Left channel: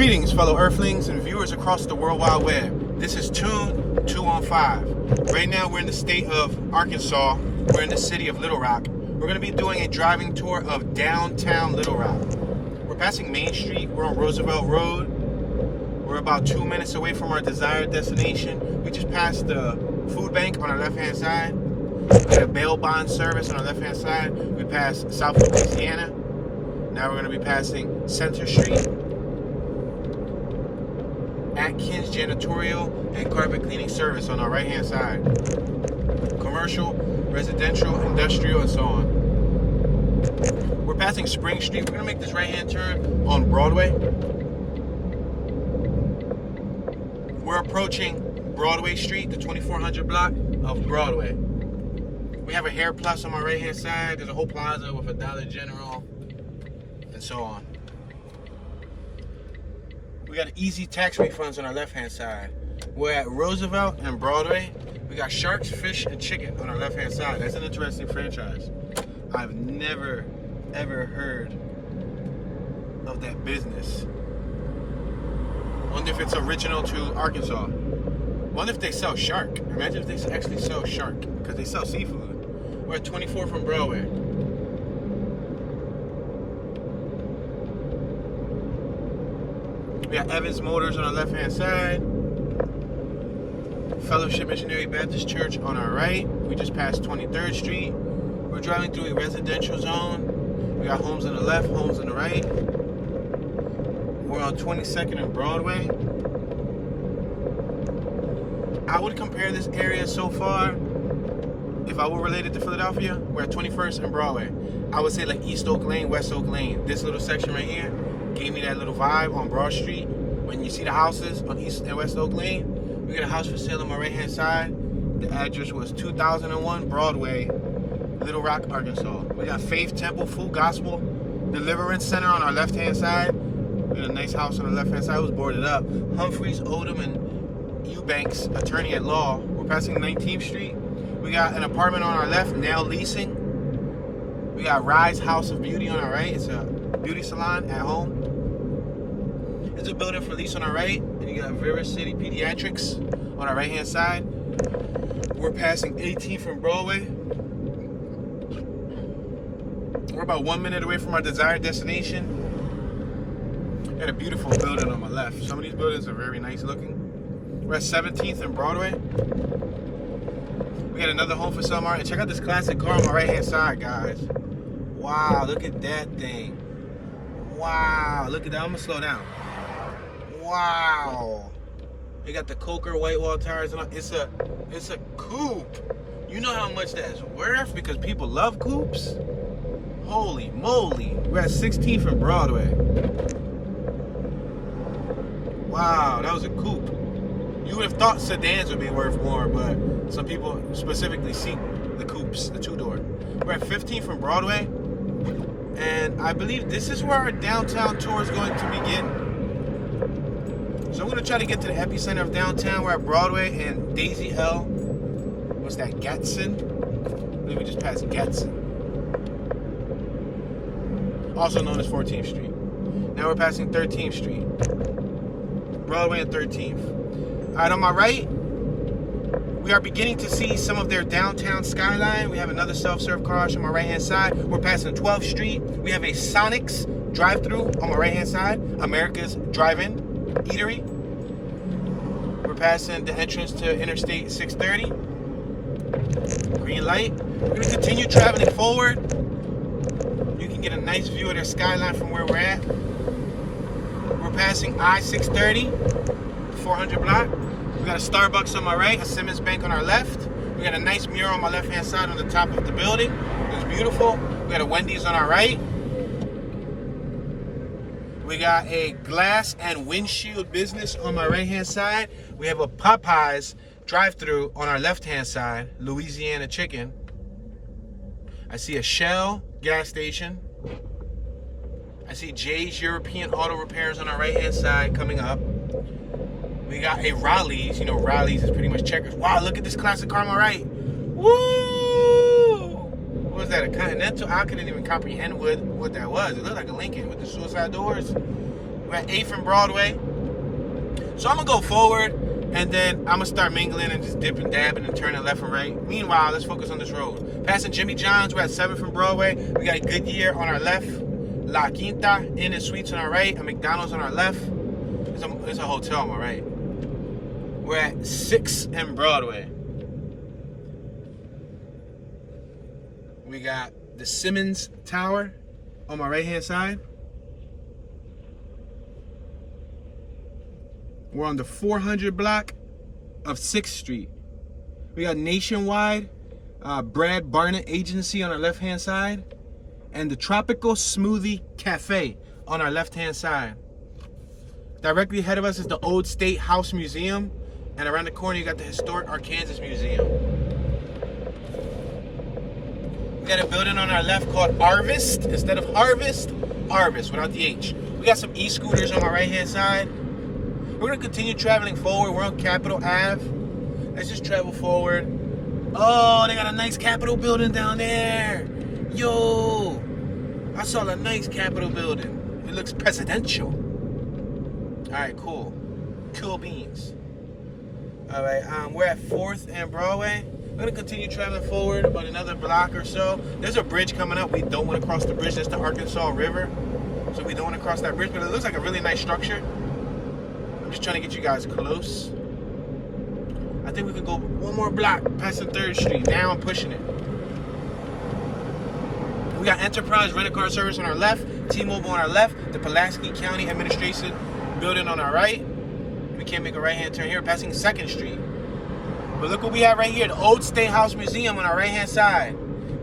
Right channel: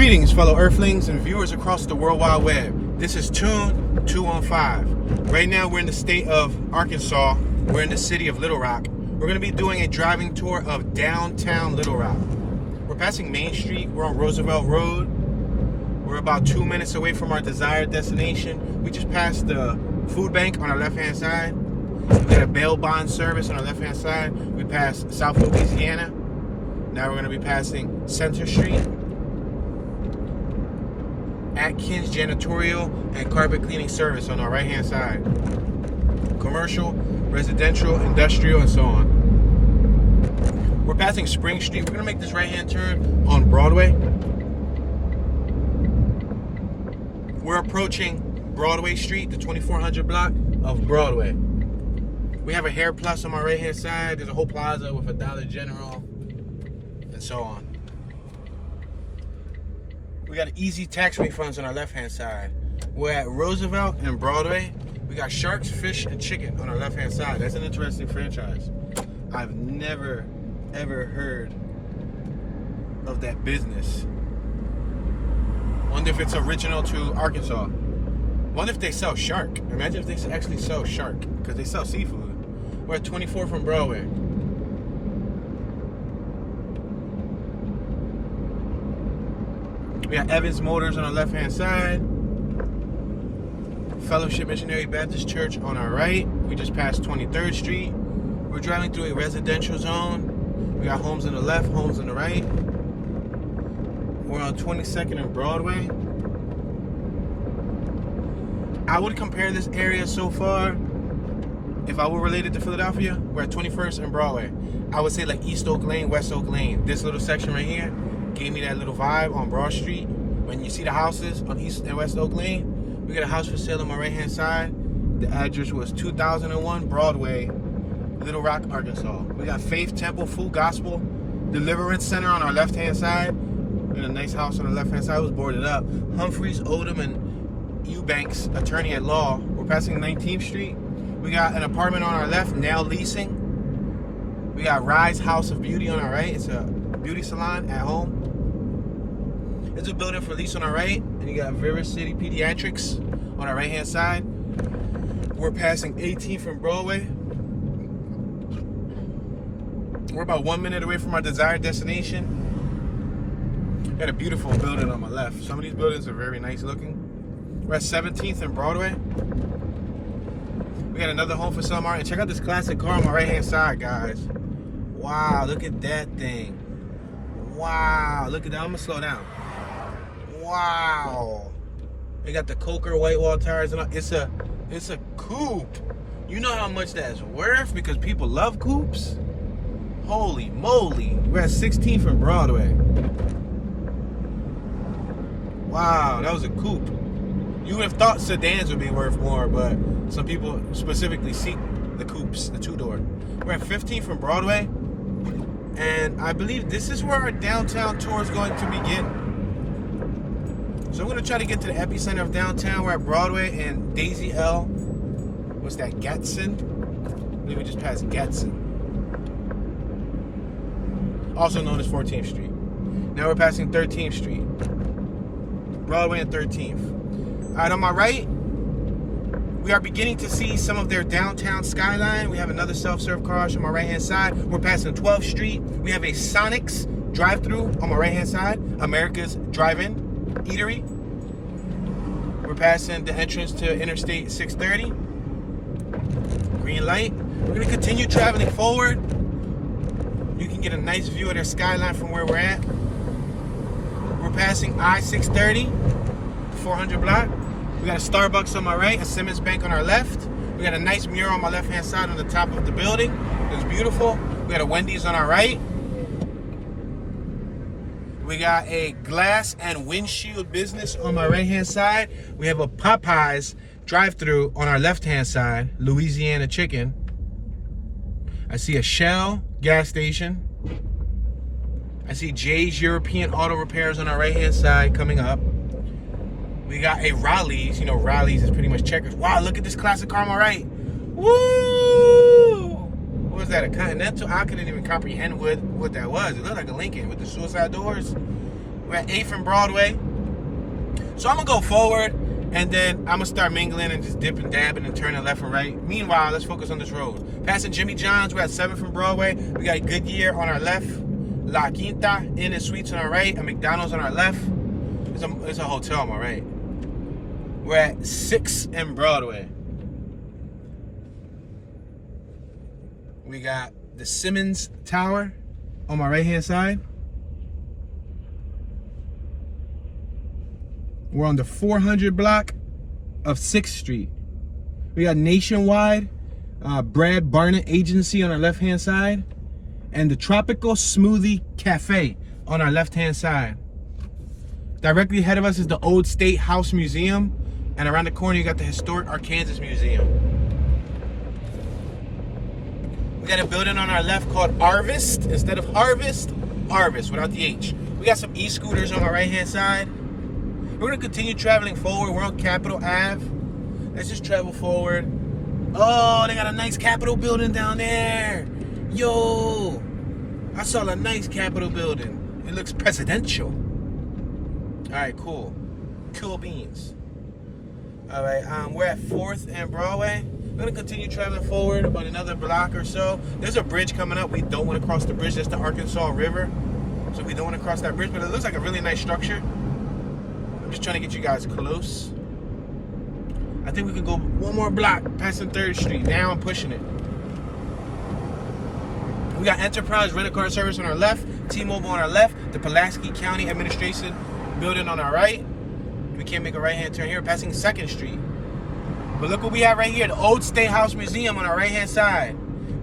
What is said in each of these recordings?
Greetings, fellow Earthlings and viewers across the World Wide Web. This is Tune 215. Right now, we're in the state of Arkansas. We're in the city of Little Rock. We're going to be doing a driving tour of downtown Little Rock. We're passing Main Street. We're on Roosevelt Road. We're about 2 minutes away from our desired destination. We just passed the food bank on our left-hand side. We got a bail bond service on our left-hand side. We passed South Louisiana. Now we're going to be passing Center Street, Atkins Janitorial and Carpet Cleaning Service on our right-hand side. Commercial, residential, industrial, and so on. We're passing Spring Street. We're going to make this right-hand turn on Broadway. We're approaching Broadway Street, the 2400 block of Broadway. We have a Hair Plus on my right-hand side. There's a whole plaza with a Dollar General, and so on. We got easy tax refunds on our left-hand side. We're at Roosevelt and Broadway. We got Sharks, Fish, and Chicken on our left-hand side. That's an interesting franchise. I've never, ever heard of that business. Wonder if it's original to Arkansas. Wonder if they sell shark. Imagine if they actually sell shark, because they sell seafood. We're at 24 from Broadway. We got Evans Motors on our left-hand side. Fellowship Missionary Baptist Church on our right. We just passed 23rd Street. We're driving through a residential zone. We got homes on the left, homes on the right. We're on 22nd and Broadway. I would compare this area so far, if I were related to Philadelphia, we're at 21st and Broadway. I would say like East Oak Lane, West Oak Lane. This little section right here gave me that little vibe on Broad Street. When you see the houses on East and West Oak Lane, we got a house for sale on my right hand side. The address was 2001 Broadway, Little Rock, Arkansas. We got Faith Temple Full Gospel Deliverance Center on our left hand side. We got a nice house on the left hand side. It was boarded up. Humphreys, Odom, and Eubanks, attorney at law. We're passing 19th Street. We got an apartment on our left, now leasing. We got Rise House of Beauty on our right. It's a beauty salon at home. There's a building for lease on our right, and you got River City Pediatrics on our right hand side. We're passing 18th from Broadway. We're about 1 minute away from our desired destination. Got a beautiful building on my left. Some of these buildings are very nice looking. We're at 17th and Broadway. We got another home for sale, Martin. Check out this classic car on my right hand side, guys. Wow, look at that thing. Wow, look at that. I'm gonna slow down. Wow. They got the Coker white wall tires and it's a coupe. You know how much that's worth because people love coupes? Holy moly. We're at 16th and Broadway. Wow, that was a coupe. You would have thought sedans would be worth more, but some people specifically seek the coupes, the two-door. We're at 15th from Broadway, and I believe this is where our downtown tour is going to begin. So I'm going to try to get to the epicenter of downtown. We're at Broadway and Daisy L. What's that, Gatson? I believe we just passed Gatson. Also known as 14th Street. Now we're passing 13th Street. Broadway and 13th. All right, on my right, we are beginning to see some of their downtown skyline. We have another self-serve car on my right-hand side. We're passing 12th Street. We have a Sonic's drive-through on my right-hand side. America's Drive-In Eatery. We're passing the entrance to Interstate 630. Green light. We're going to continue traveling forward. You can get a nice view of their skyline from where we're at. We're passing I-630, 400 block. We got a Starbucks on my right, a Simmons Bank on our left. We got a nice mural on my left-hand side on the top of the building. It's beautiful. We got a Wendy's on our right. We got a glass and windshield business on my right-hand side. We have a Popeyes drive-through on our left-hand side, Louisiana Chicken. I see a Shell gas station. I see Jay's European Auto Repairs on our right-hand side coming up. We got a Raleigh's. You know, Raleigh's is pretty much checkers. Wow, look at this classic car on my right. Woo! What was that, a Continental? I couldn't even comprehend what that was. It looked like a Lincoln with the suicide doors. We're at 8th and Broadway. So I'm gonna go forward, and then I'm gonna start mingling and just dipping, dabbing, and turning left and right. Meanwhile, let's focus on this road. Passing Jimmy John's, we're at 7th and Broadway. We got Goodyear on our left, La Quinta, Inn and Suites on our right, and McDonald's on our left. There's a hotel on my right. We're at 6th and Broadway. We got the Simmons Tower on my right-hand side. We're on the 400 block of 6th Street. We got Nationwide, Brad Barnett Agency on our left-hand side, and the Tropical Smoothie Cafe on our left-hand side. Directly ahead of us is the Old State House Museum, and around the corner you got the Historic Arkansas Museum. We got a building on our left called Harvest. Instead of Harvest, Harvest without the H. We got some e-scooters on our right-hand side. We're gonna continue traveling forward. We're on Capitol Ave. Let's just travel forward. Oh, they got a nice Capitol building down there. Yo, I saw a nice Capitol building. It looks presidential. All right, cool. Cool beans. All right, we're at 4th and Broadway. We're gonna continue traveling forward about another block or so. There's a bridge coming up. We don't want to cross the bridge. That's the Arkansas River. So we don't want to cross that bridge, but it looks like a really nice structure. I'm just trying to get you guys close. I think we could go one more block passing 3rd Street. Now I'm pushing it. We got Enterprise Rent-A-Car Service on our left, T-Mobile on our left, the Pulaski County Administration building on our right. We can't make a right-hand turn here, passing 2nd Street. But look what we have right here, the Old State House Museum on our right-hand side.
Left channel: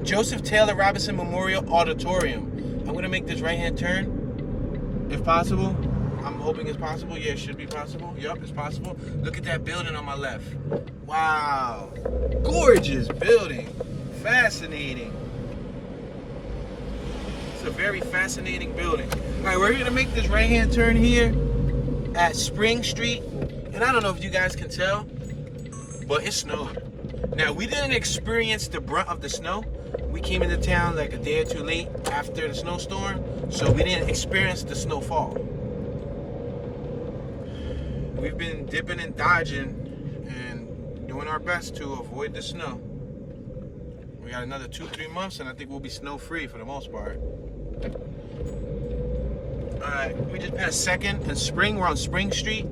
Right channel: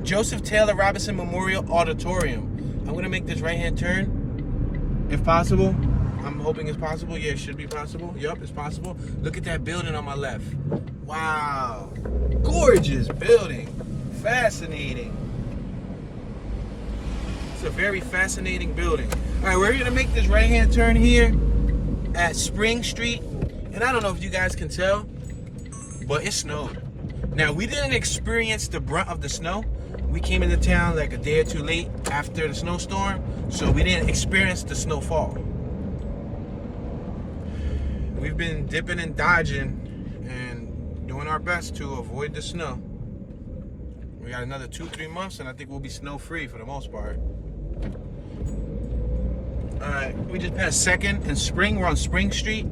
Joseph Taylor Robinson Memorial Auditorium. I'm gonna make this right-hand turn, if possible. I'm hoping it's possible. Yeah, it should be possible. Yup, it's possible. Look at that building on my left. Wow. Gorgeous building. Fascinating. It's a very fascinating building. All right, we're going to make this right-hand turn here at Spring Street. And I don't know if you guys can tell, but it snowed. Now, we didn't experience the brunt of the snow. We came into town like a day or two late after the snowstorm, so we didn't experience the snowfall. We've been dipping and dodging and doing our best to avoid the snow. We got another 2-3 months and I think we'll be snow free for the most part. Alright, we just passed 2nd and Spring. We're on Spring Street.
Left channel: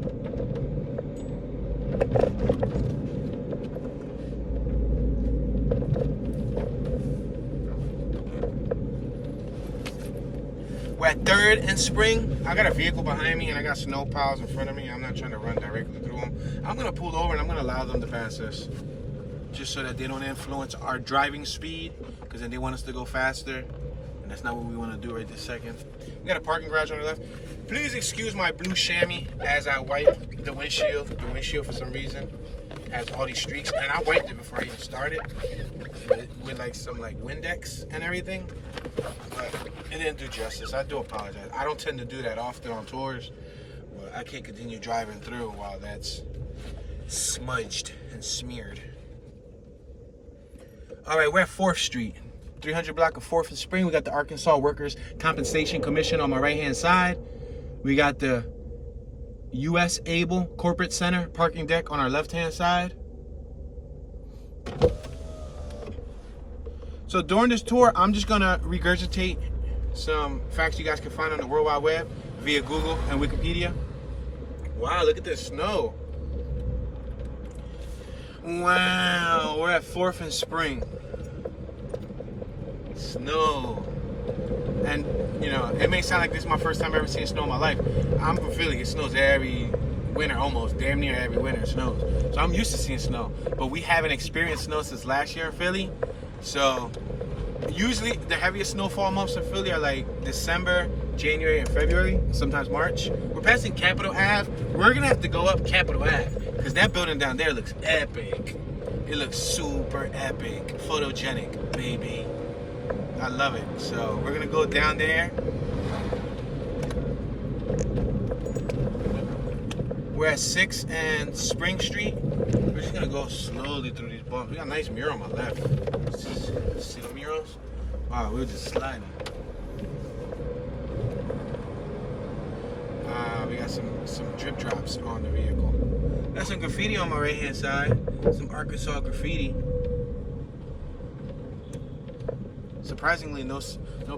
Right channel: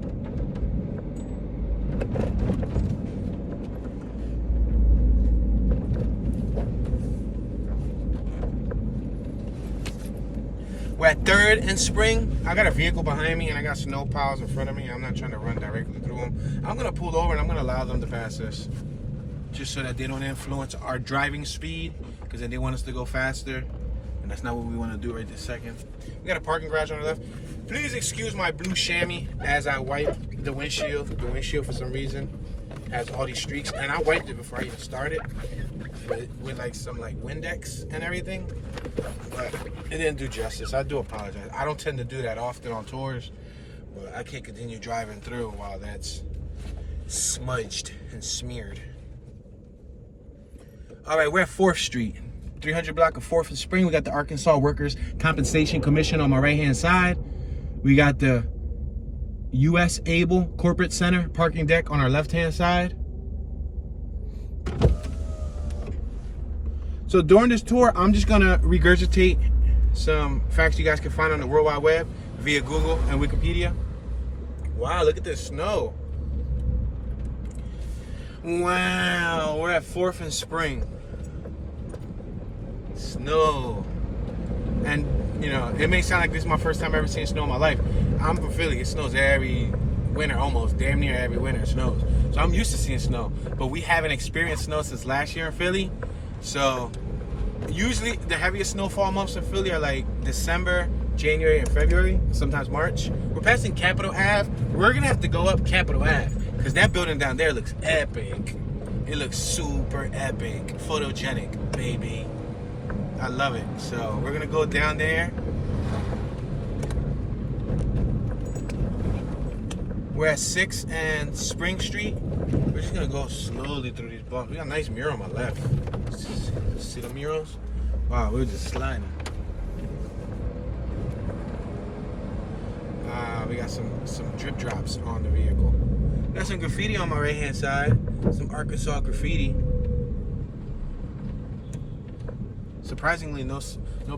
We're at 3rd and Spring. I got a vehicle behind me and I got snow piles in front of me. I'm not trying to run directly through them. I'm gonna pull over and I'm gonna allow them to pass us, just so that they don't influence our driving speed, because then they want us to go faster, and that's not what we want to do right this second. We got a parking garage on the left. Please excuse my blue chamois as I wipe the windshield. The windshield for some reason has all these streaks, and I wiped it before I even started with like some like Windex and everything, but it didn't do justice. I do apologize. I don't tend to do that often on tours, but I can't continue driving through while that's smudged and smeared. All right, we're at 4th Street, 300 block of 4th and Spring. We got the Arkansas Workers' Compensation Commission on my right-hand side. We got the U.S. Able Corporate Center parking deck on our left-hand side. So during this tour, I'm just gonna regurgitate some facts you guys can find on the World Wide Web via Google and Wikipedia. Wow, look at this snow. Wow, we're at 4th and Spring. Snow. And, you know, it may sound like this is my first time ever seeing snow in my life. I'm from Philly. It snows every winter, almost. Damn near every winter it snows. So I'm used to seeing snow. But we haven't experienced snow since last year in Philly. So usually the heaviest snowfall months in Philly are like December, January, and February, sometimes March. We're passing Capitol Ave. We're going to have to go up Capitol Ave, because that building down there looks epic. It looks super epic. Photogenic, baby. I love it. So we're gonna go down there. We're at 6th and Spring Street. We're just gonna go slowly through these bumps. We got a nice mural on my left. See the murals? Wow, we're just sliding. We got some drip drops on the vehicle. Got some graffiti on my right hand side. Some Arkansas graffiti. Surprisingly, no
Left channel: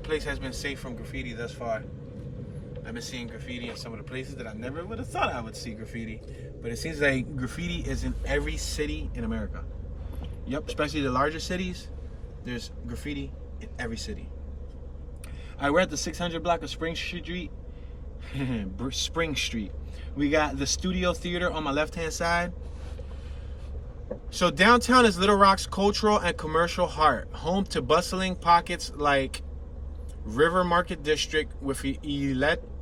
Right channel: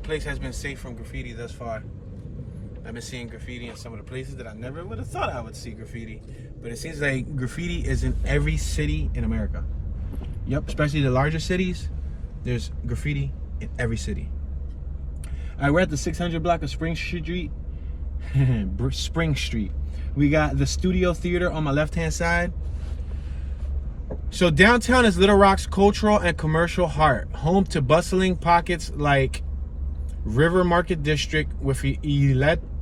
place has been safe from graffiti thus far. I've been seeing graffiti in some of the places that I never would have thought I would see graffiti. But it seems like graffiti is in every city in America. Yep, especially the larger cities. There's graffiti in every city. All right, we're at the 600 block of Spring Street. Spring Street. We got the Studio Theater on my left-hand side. So downtown is Little Rock's cultural and commercial heart, home to bustling pockets like River Market District with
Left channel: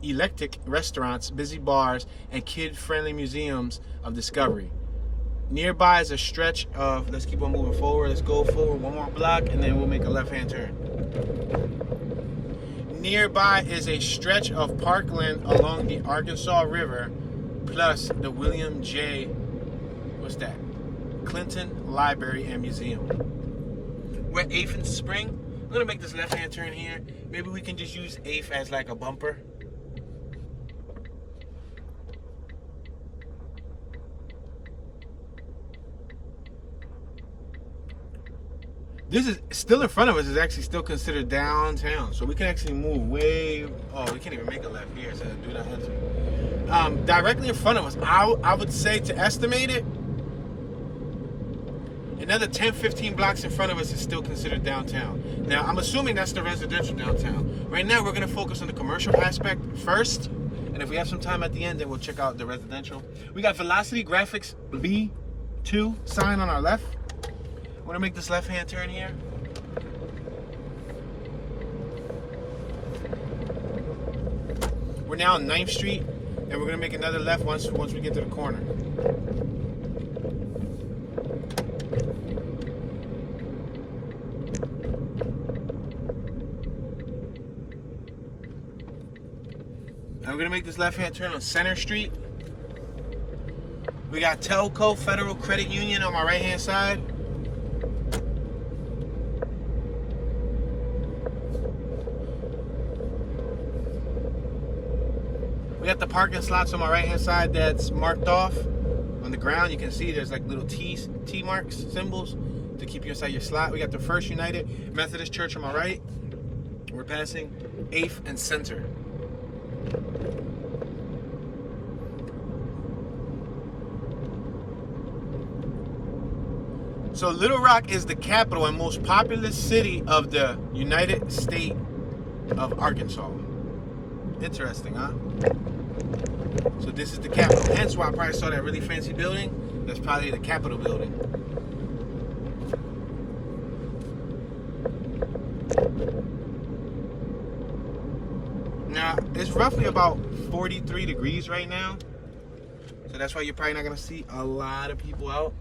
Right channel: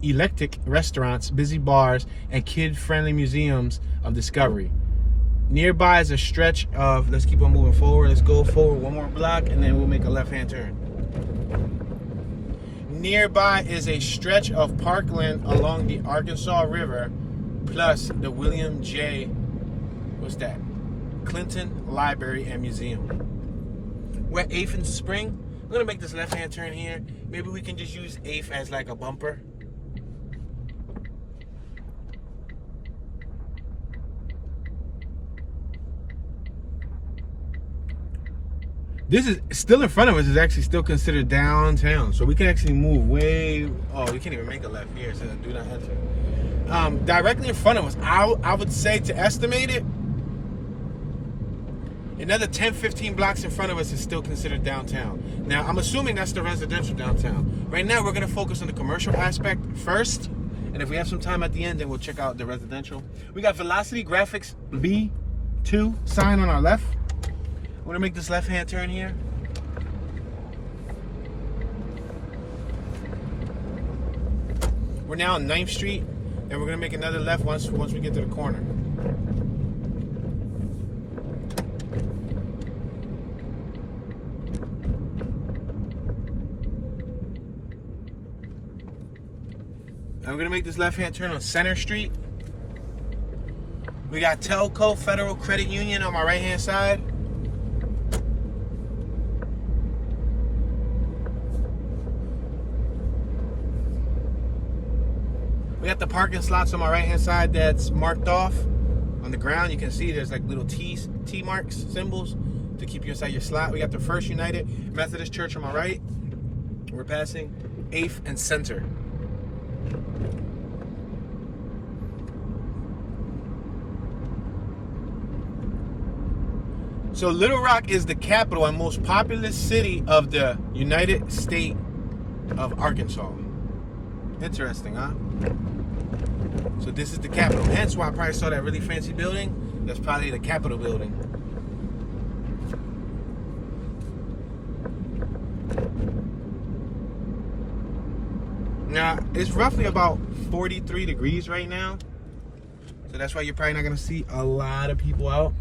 eclectic restaurants, busy bars, and kid-friendly museums of discovery. Nearby is a stretch of, let's keep on moving forward, let's go forward one more block and then we'll make a left-hand turn. Nearby is a stretch of parkland along the Arkansas River, plus the William J. Clinton Library and Museum. We're at 8th and Spring. I'm gonna make this left-hand turn here. Maybe we can just use 8th as like a bumper. This is still in front of us, is actually still considered downtown. So we can actually move way, oh, we can't even make a left here, so do not enter. Directly in front of us, I would say, to estimate it, another 10, 15 blocks in front of us is still considered downtown. Now, I'm assuming that's the residential downtown. Right now, we're gonna focus on the commercial aspect first, and if we have some time at the end, then we'll check out the residential. We got Velocity Graphics B2 sign on our left. We're gonna make this left-hand turn here. We're now on 9th Street, and we're gonna make another left once we get to the corner. And we're gonna make this left-hand turn on Center Street. We got Telco Federal Credit Union on my right-hand side. We got the parking slots on my right-hand side that's marked off on the ground. You can see there's like little T marks, symbols to keep you inside your slot. We got the First United Methodist Church on my right. We're passing 8th and Center. So Little Rock is the capital and most populous city of the United States of Arkansas. Interesting, huh? So this is the capital. Hence why I probably saw that really fancy building. That's probably the Capitol building. Now, it's roughly about 43 degrees right now. So that's why you're probably not going to see a lot of people out.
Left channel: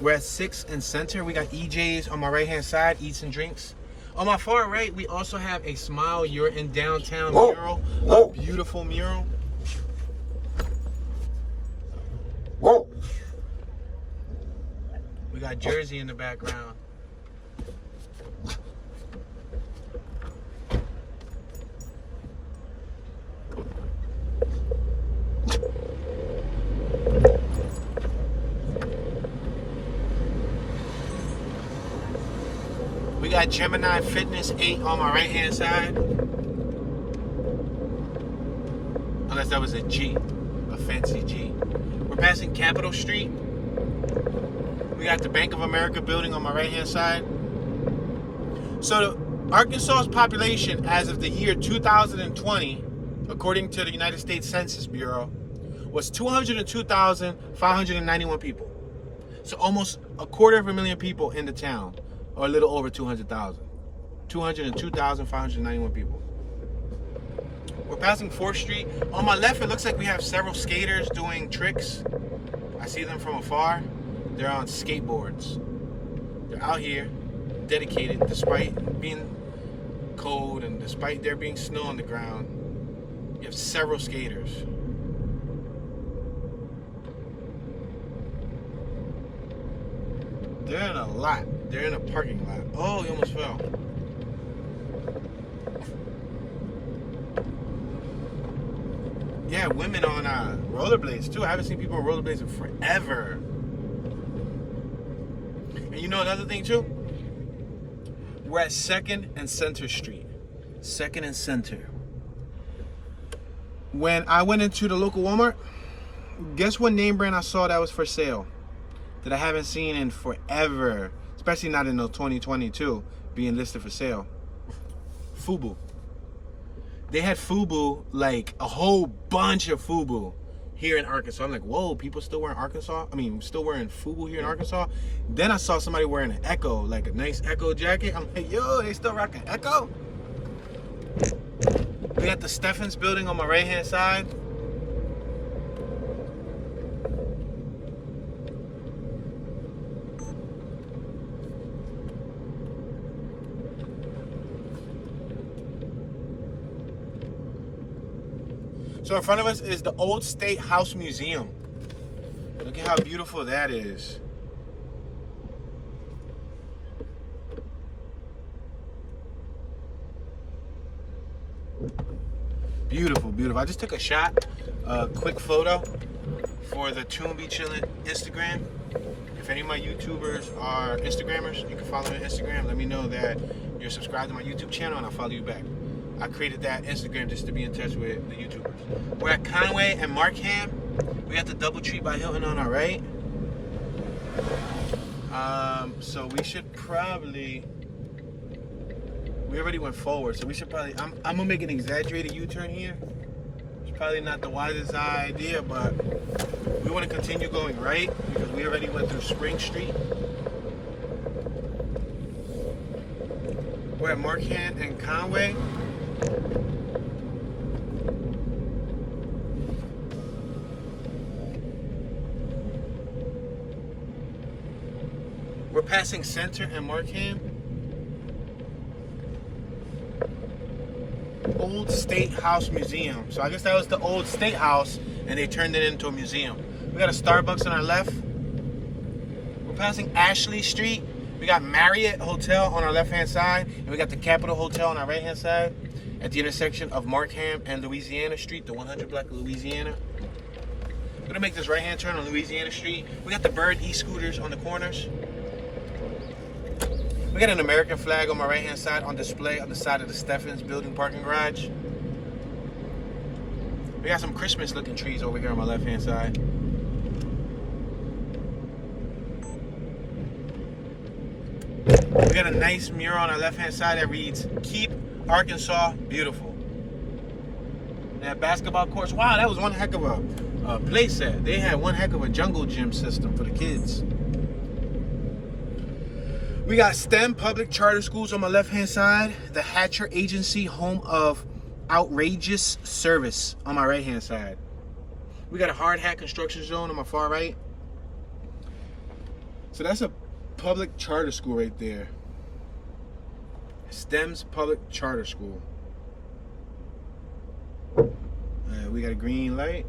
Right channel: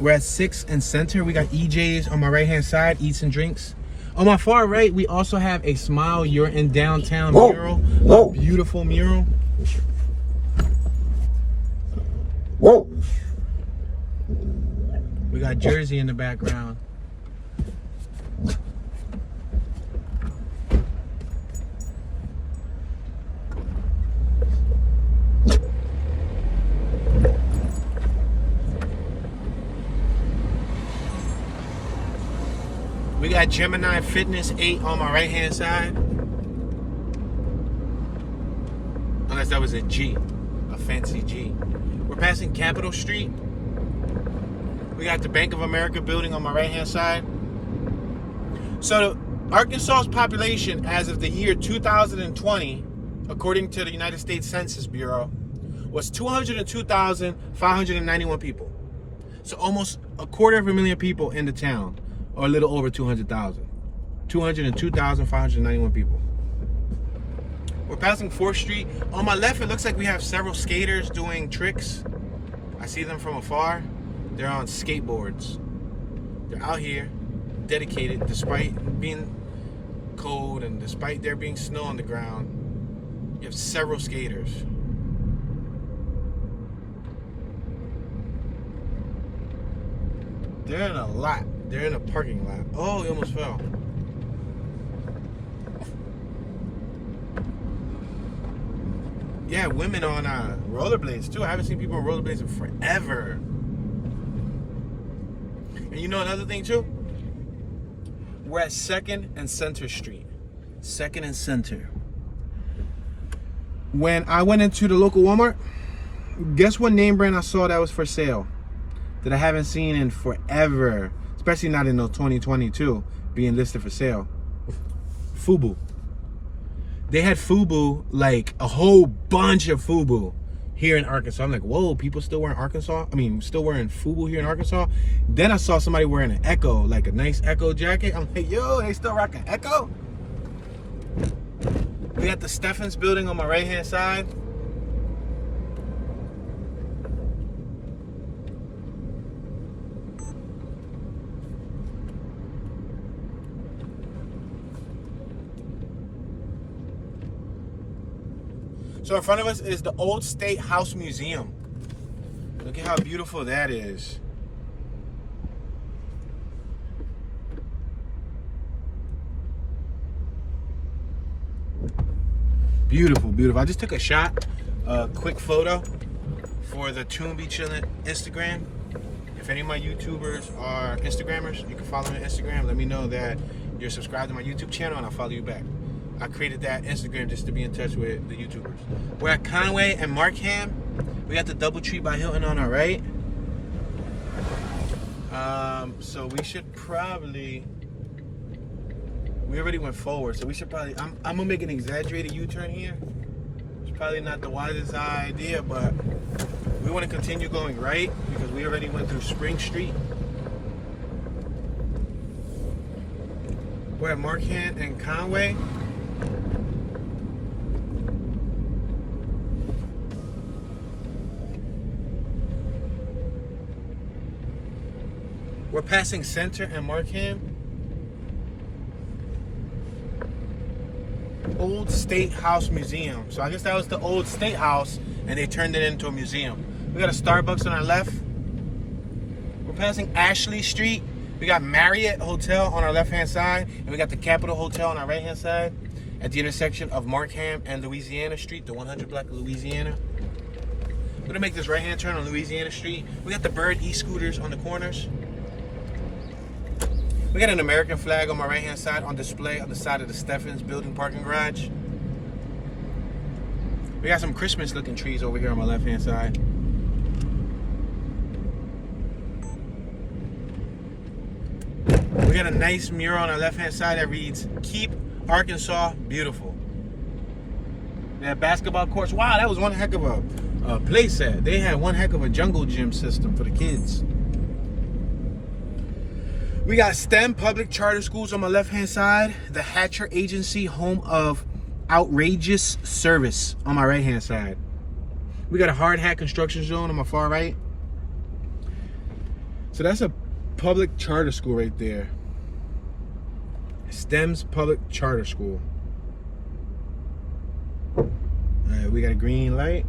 We're at 6th and Center. We got EJ's on my right-hand side, Eats and Drinks. On my far right, we also have a Smile You're in Downtown mural. A beautiful mural. Whoa. We got Jersey in the background. We got Gemini Fitness 8 on my right-hand side. Unless that was a G, a fancy G. We're passing Capitol Street. We got the Bank of America building on my right-hand side. So Arkansas's population as of the year 2020, according to the United States Census Bureau, was 202,591 people. So almost 250,000 people in the town. Or a little over 200,000. 202,591 people. We're passing 4th Street. On my left, it looks like we have several skaters doing tricks. I see them from afar. They're on skateboards. They're out here, dedicated, despite being cold and despite there being snow on the ground. You have several skaters. They're in a lot. They're in a parking lot. Oh, he almost fell. Yeah, women on rollerblades too. I haven't seen people on rollerblades in forever. And you know another thing too? We're at 2nd and Center Street. 2nd and Center. When I went into the local Walmart, guess what name brand I saw that was for sale? That I haven't seen in forever. Especially not in 2022 being listed for sale. FUBU. They had FUBU, like a whole bunch of FUBU here in Arkansas. I'm like, whoa, people still wearing still wearing FUBU here in Arkansas. Then I saw somebody wearing an Echo, like a nice Echo jacket. I'm like, yo, they still rocking Echo? We got the Steffens building on my right hand side. So in front of us is the Old State House Museum. Look at how beautiful that is. Beautiful, beautiful. I just took a shot, a quick photo for the Toon Be Chillin' Instagram. If any of my YouTubers are Instagrammers, you can follow me on Instagram. Let me know that you're subscribed to my YouTube channel and I'll follow you back. I created that Instagram just to be in touch with the YouTubers. We're at Conway and Markham. We got the Doubletree by Hilton on our right. So we should probably, we already went forward, so we should probably, I'm gonna make an exaggerated U-turn here. It's probably not the wisest idea, but we want to continue going right because we already went through Spring Street. We're at Markham and Conway. We're passing Center and Markham. Old State House Museum. So I guess that was the Old State House and they turned it into a museum. We got a Starbucks on our left. We're passing Ashley Street. We got Marriott Hotel on our left hand side and we got the Capitol Hotel on our right hand side at the intersection of Markham and Louisiana Street, the 100 block of Louisiana. We're gonna make this right hand turn on Louisiana Street. We got the Bird e-scooters on the corners. We got an American flag on my right hand side on display on the side of the Steffens building parking garage. We got some Christmas looking trees over here on my left hand side. We got a nice mural on our left hand side that reads, "Keep Arkansas Beautiful." They have basketball courts. Wow, that was one heck of a play set. They had one heck of a jungle gym system for the kids. We got STEM public charter schools on my left hand side. The Hatcher Agency, home of outrageous service, on my right hand side. We got a hard hat construction zone on my far right. So that's a public charter school right there. STEM's public charter school. Alright, we got a green light.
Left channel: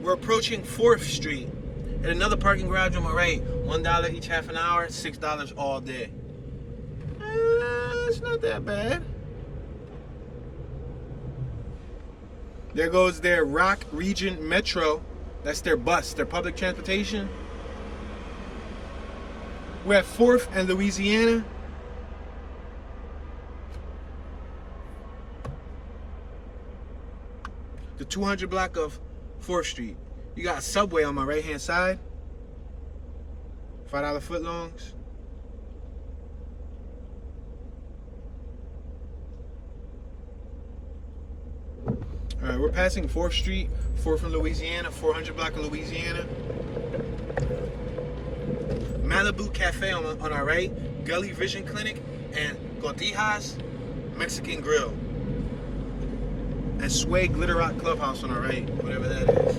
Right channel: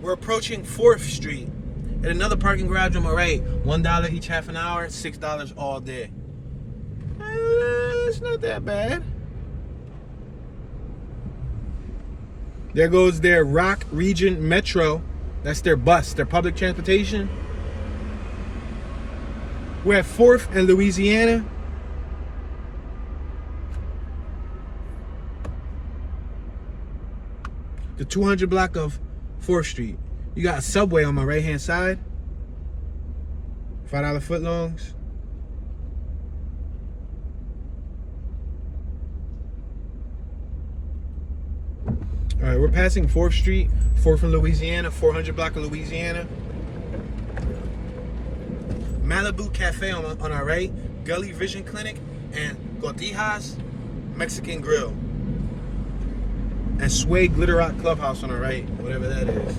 We're approaching 4th Street. And another parking garage on my right. $1 each half an hour, $6 all day. It's not that bad. There goes their Rock Region Metro. That's their bus, their public transportation. We're at 4th and Louisiana. The 200 block of 4th Street. You got a Subway on my right hand side. $5 footlongs. Alright, we're passing 4th Street, 4th and Louisiana, 400 block of Louisiana. Malibu Cafe on our right, Gully Vision Clinic, and Gordijas Mexican Grill. And Sway Glitter Rock Clubhouse on our right, whatever that is.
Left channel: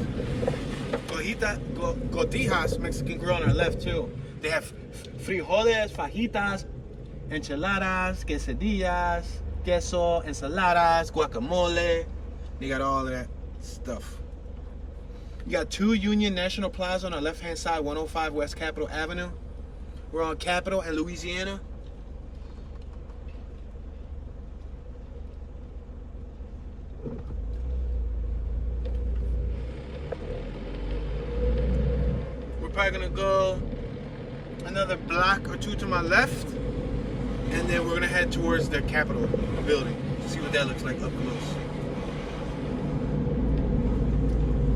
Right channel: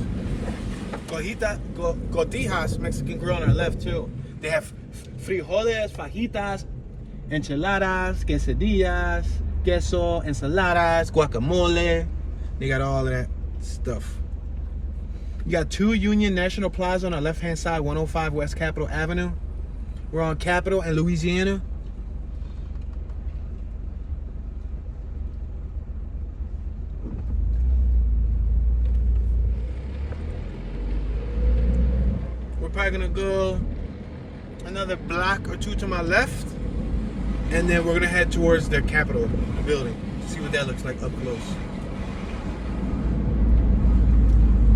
Gordijas Mexican Grill on our left too. They have frijoles, fajitas, enchiladas, quesadillas, queso, ensaladas, guacamole. They got all of that stuff. You got 2 Union National Plaza on the left-hand side, 105 West Capitol Avenue. We're on Capitol and Louisiana. We're probably gonna go another block or 2 to my left, and then we're gonna head towards the Capitol building to see what that looks like up close.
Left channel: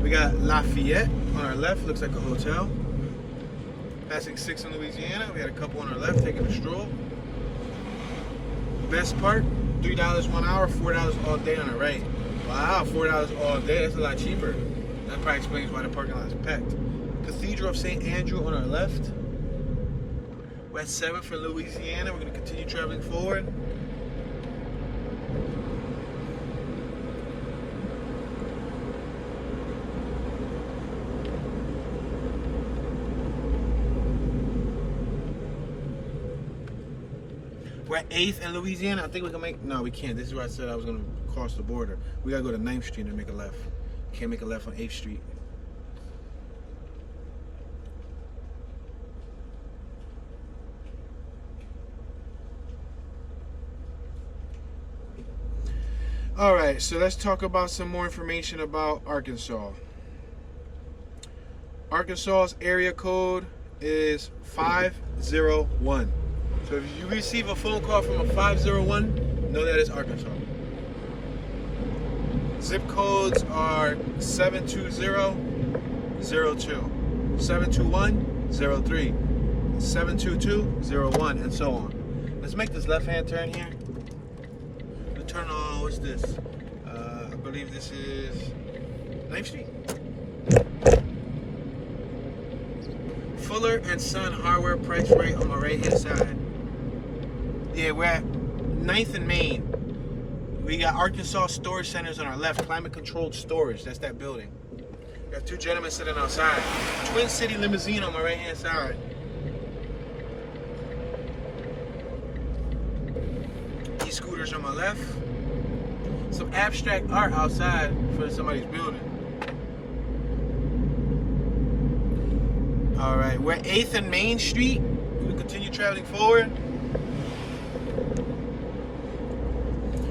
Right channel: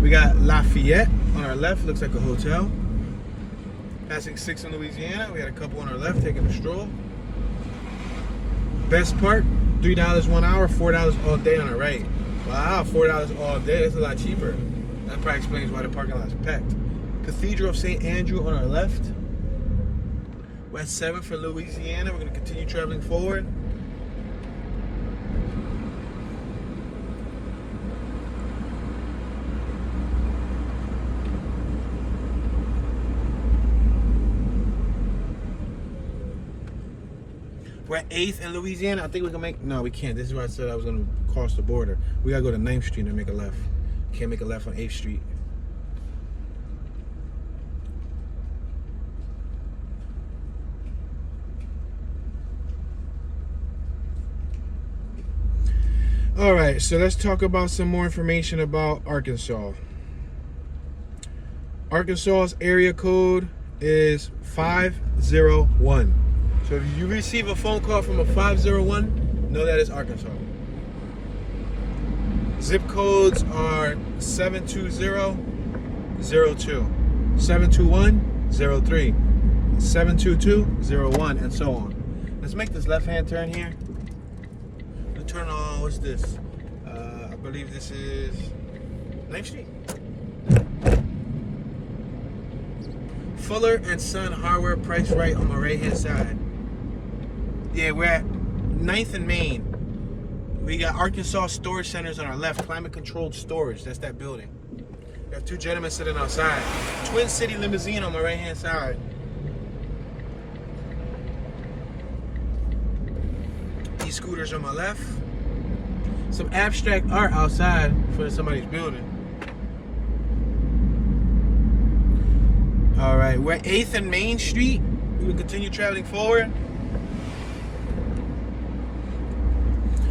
We got Lafayette on our left, looks like a hotel. Passing 6 in Louisiana, we had a couple on our left taking a stroll. Best Part, $3 1 hour, $4 all day on the right. Wow, $4 all day, that's a lot cheaper. That probably explains why the parking lot is packed. Cathedral of St. Andrew on our left. We're at 7 for Louisiana. We're going to continue traveling forward. We're at 8th in Louisiana. I think we can make, no, we can't. This is where I said I was going to cross the border. We got to go to 9th Street and make a left. Can't make a left on 8th Street. All right, so let's talk about some more information about Arkansas. Arkansas's area code is 501. So if you receive a phone call from a 501, know that it's Arkansas. Zip codes are 72002, 72103, 72201, and so on. Let's make this left-hand turn here. Turn on, what's this? I believe this is 9th Street. Fuller and Son Hardware, price right on my right hand side. Yeah, we're at 9th and Main. We got Arkansas Storage Centers on our left, climate controlled storage. That's that building. We have 2 gentlemen sitting outside. Twin City Limousine on my right hand side. E-scooters on my left. Some abstract art outside for somebody's building. All right, we're at 8th and Main Street. We will continue traveling forward.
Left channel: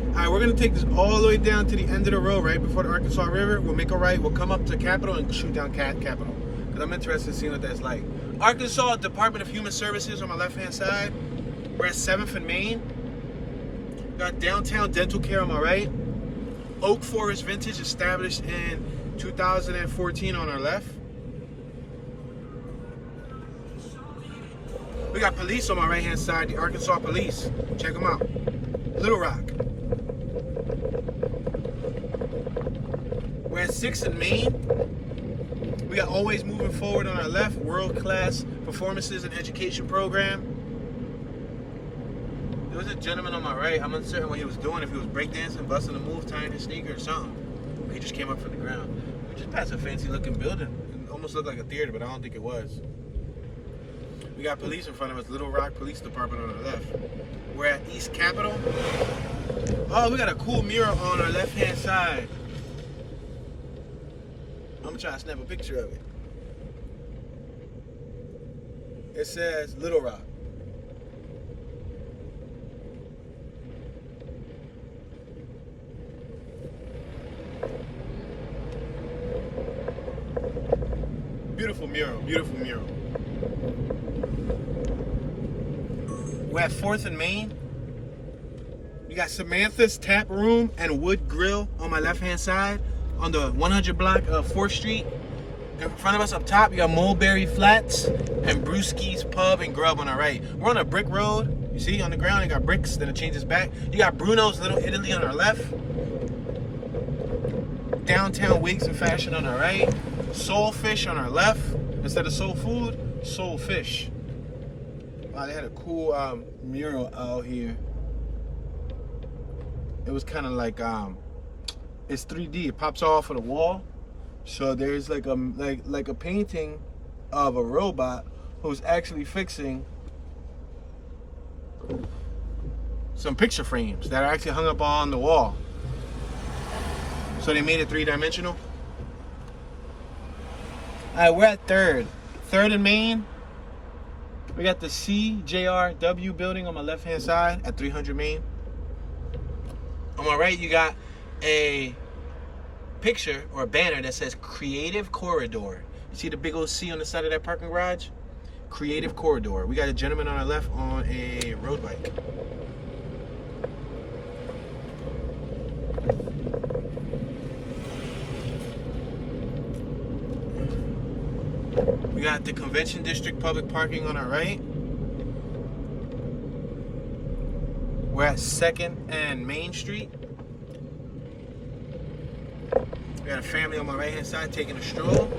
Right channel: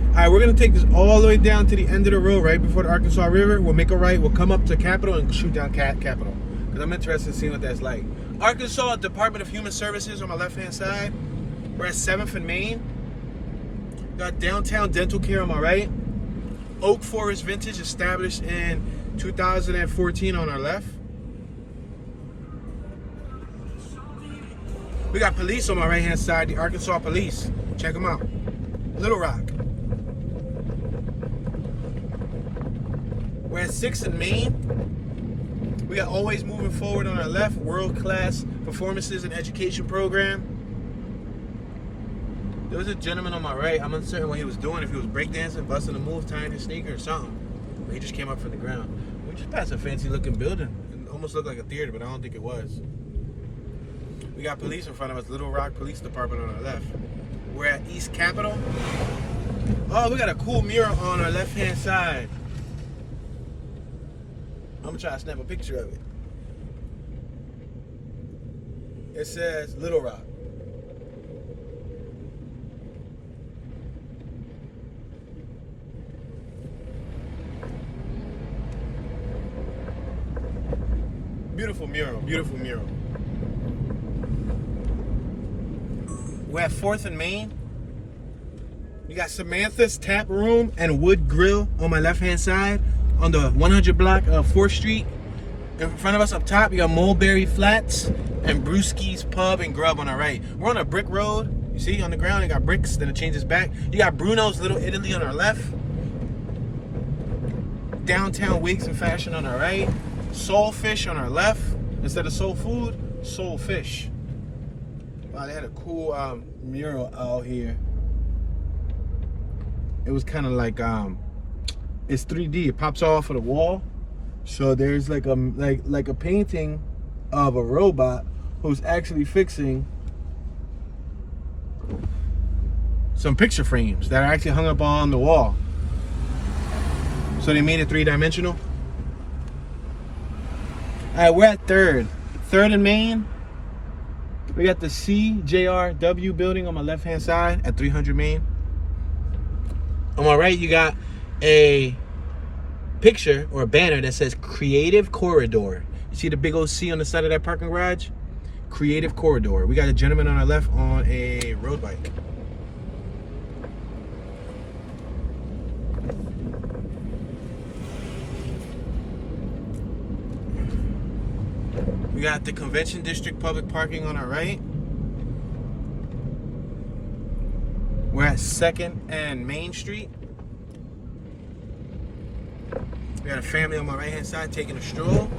All right, we're gonna take this all the way down to the end of the road, right before the Arkansas River. We'll make a right, we'll come up to Capitol and shoot down Capitol. Because I'm interested in seeing what that's like. Arkansas Department of Human Services on my left-hand side. We're at 7th and Main. Got Downtown Dental Care on my right. Oak Forest Vintage, established in 2014 on our left. We got police on my right hand side, the Arkansas Police. Check them out. Little Rock. We're at 6th and Main. We got Always Moving Forward on our left, world-class performances and education program. There was a gentleman on my right. I'm uncertain what he was doing, if he was breakdancing, busting a move, tying his sneaker or something. But he just came up from the ground. We just passed a fancy looking building. It almost looked like a theater, but I don't think it was. We got police in front of us, Little Rock Police Department on our left. We're at East Capitol. Oh, we got a cool mural on our left hand side. I'm gonna try to snap a picture of it. It says Little Rock. Beautiful mural, beautiful mural. We're at 4th and Main. We got Samantha's Tap Room and Wood Grill on my left-hand side on the 100 block of 4th Street. In front of us up top, you got Mulberry Flats and Brewski's Pub and Grub on the right. We're on a brick road. You see on the ground, you got bricks, then it changes back. You got Bruno's Little Italy on our left. Downtown Wigs and Fashion on our right. Soul Fish on our left. Instead of soul food, soul fish. Wow, they had a cool mural out here. It was kind of like it's 3D. It pops off of the wall. So there's like a painting of a robot who's actually fixing some picture frames that are actually hung up on the wall. So they made it 3-dimensional. All right, we're at 3rd and Main. We got the CJRW building on my left-hand side at 300 Main. On my right, you got a picture or a banner that says Creative Corridor. See the big old C on the side of that parking garage? Creative Corridor. We got a gentleman on our left on a road bike. We got the Convention District public parking on our right. We're at 2nd and Main Street. We got a family on my right hand side taking a stroll.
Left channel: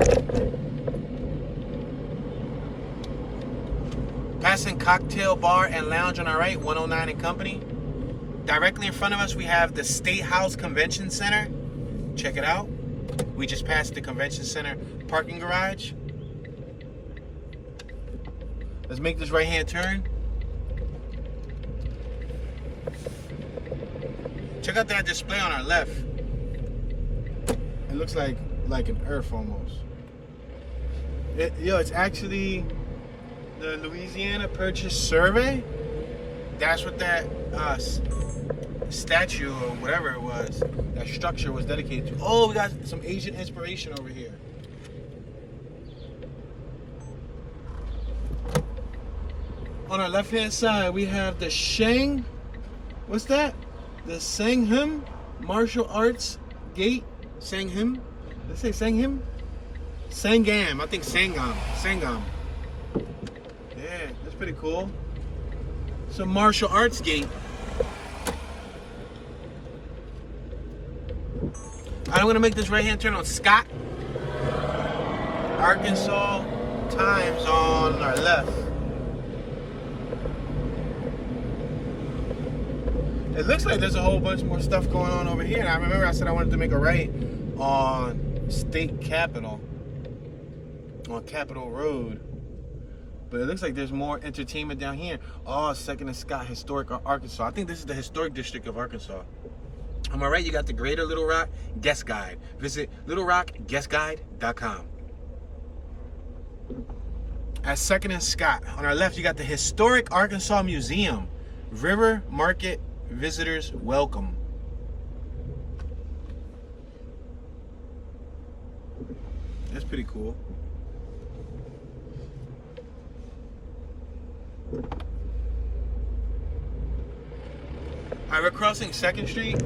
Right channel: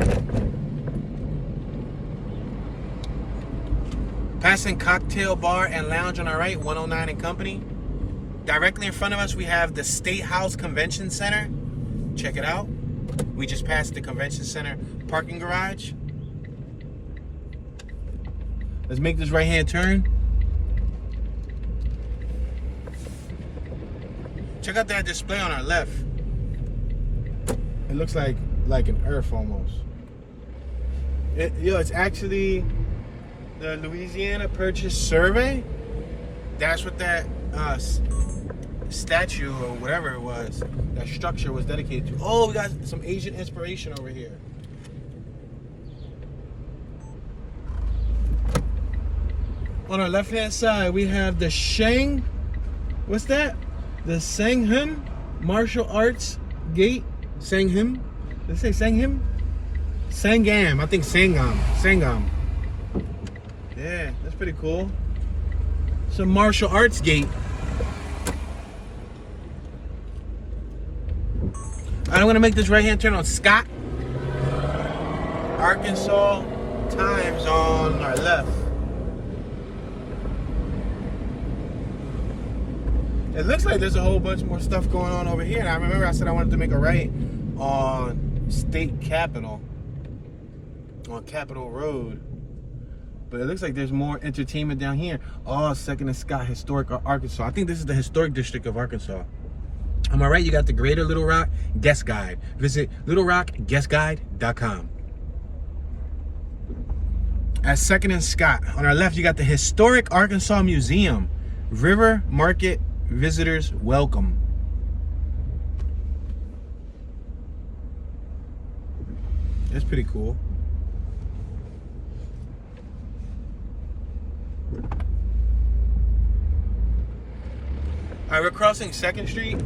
Passing Cocktail Bar and Lounge on our right, 109 and Company. Directly in front of us we have the State House Convention Center. Check it out. We just passed the Convention Center parking garage. Let's make this right hand turn. Check out that display on our left. It looks like an earth almost. It's actually the Louisiana Purchase Survey. That's what that statue or whatever it was, that structure was dedicated to. Oh, we got some Asian inspiration over here. On our left hand side, we have the what's that? The Sangham Martial Arts Gate. Sangham? Did it say Sangham? Sangam. I think Sangam. Sangam. Yeah, that's pretty cool. Some martial arts gate. I'm going to make this right hand turn on Scott, Arkansas Times on our left. It looks like there's a whole bunch more stuff going on over here. And I remember I said I wanted to make a right on State Capitol, on Capitol Road. But it looks like there's more entertainment down here. Oh, 2nd and Scott, Historic Arkansas. I think this is the Historic District of Arkansas. On my right, you got the Greater Little Rock Guest Guide. Visit littlerockguestguide.com. At 2nd and Scott, on our left, you got the Historic Arkansas Museum. River Market Visitors welcome. That's pretty cool. All right, we're crossing 2nd Street.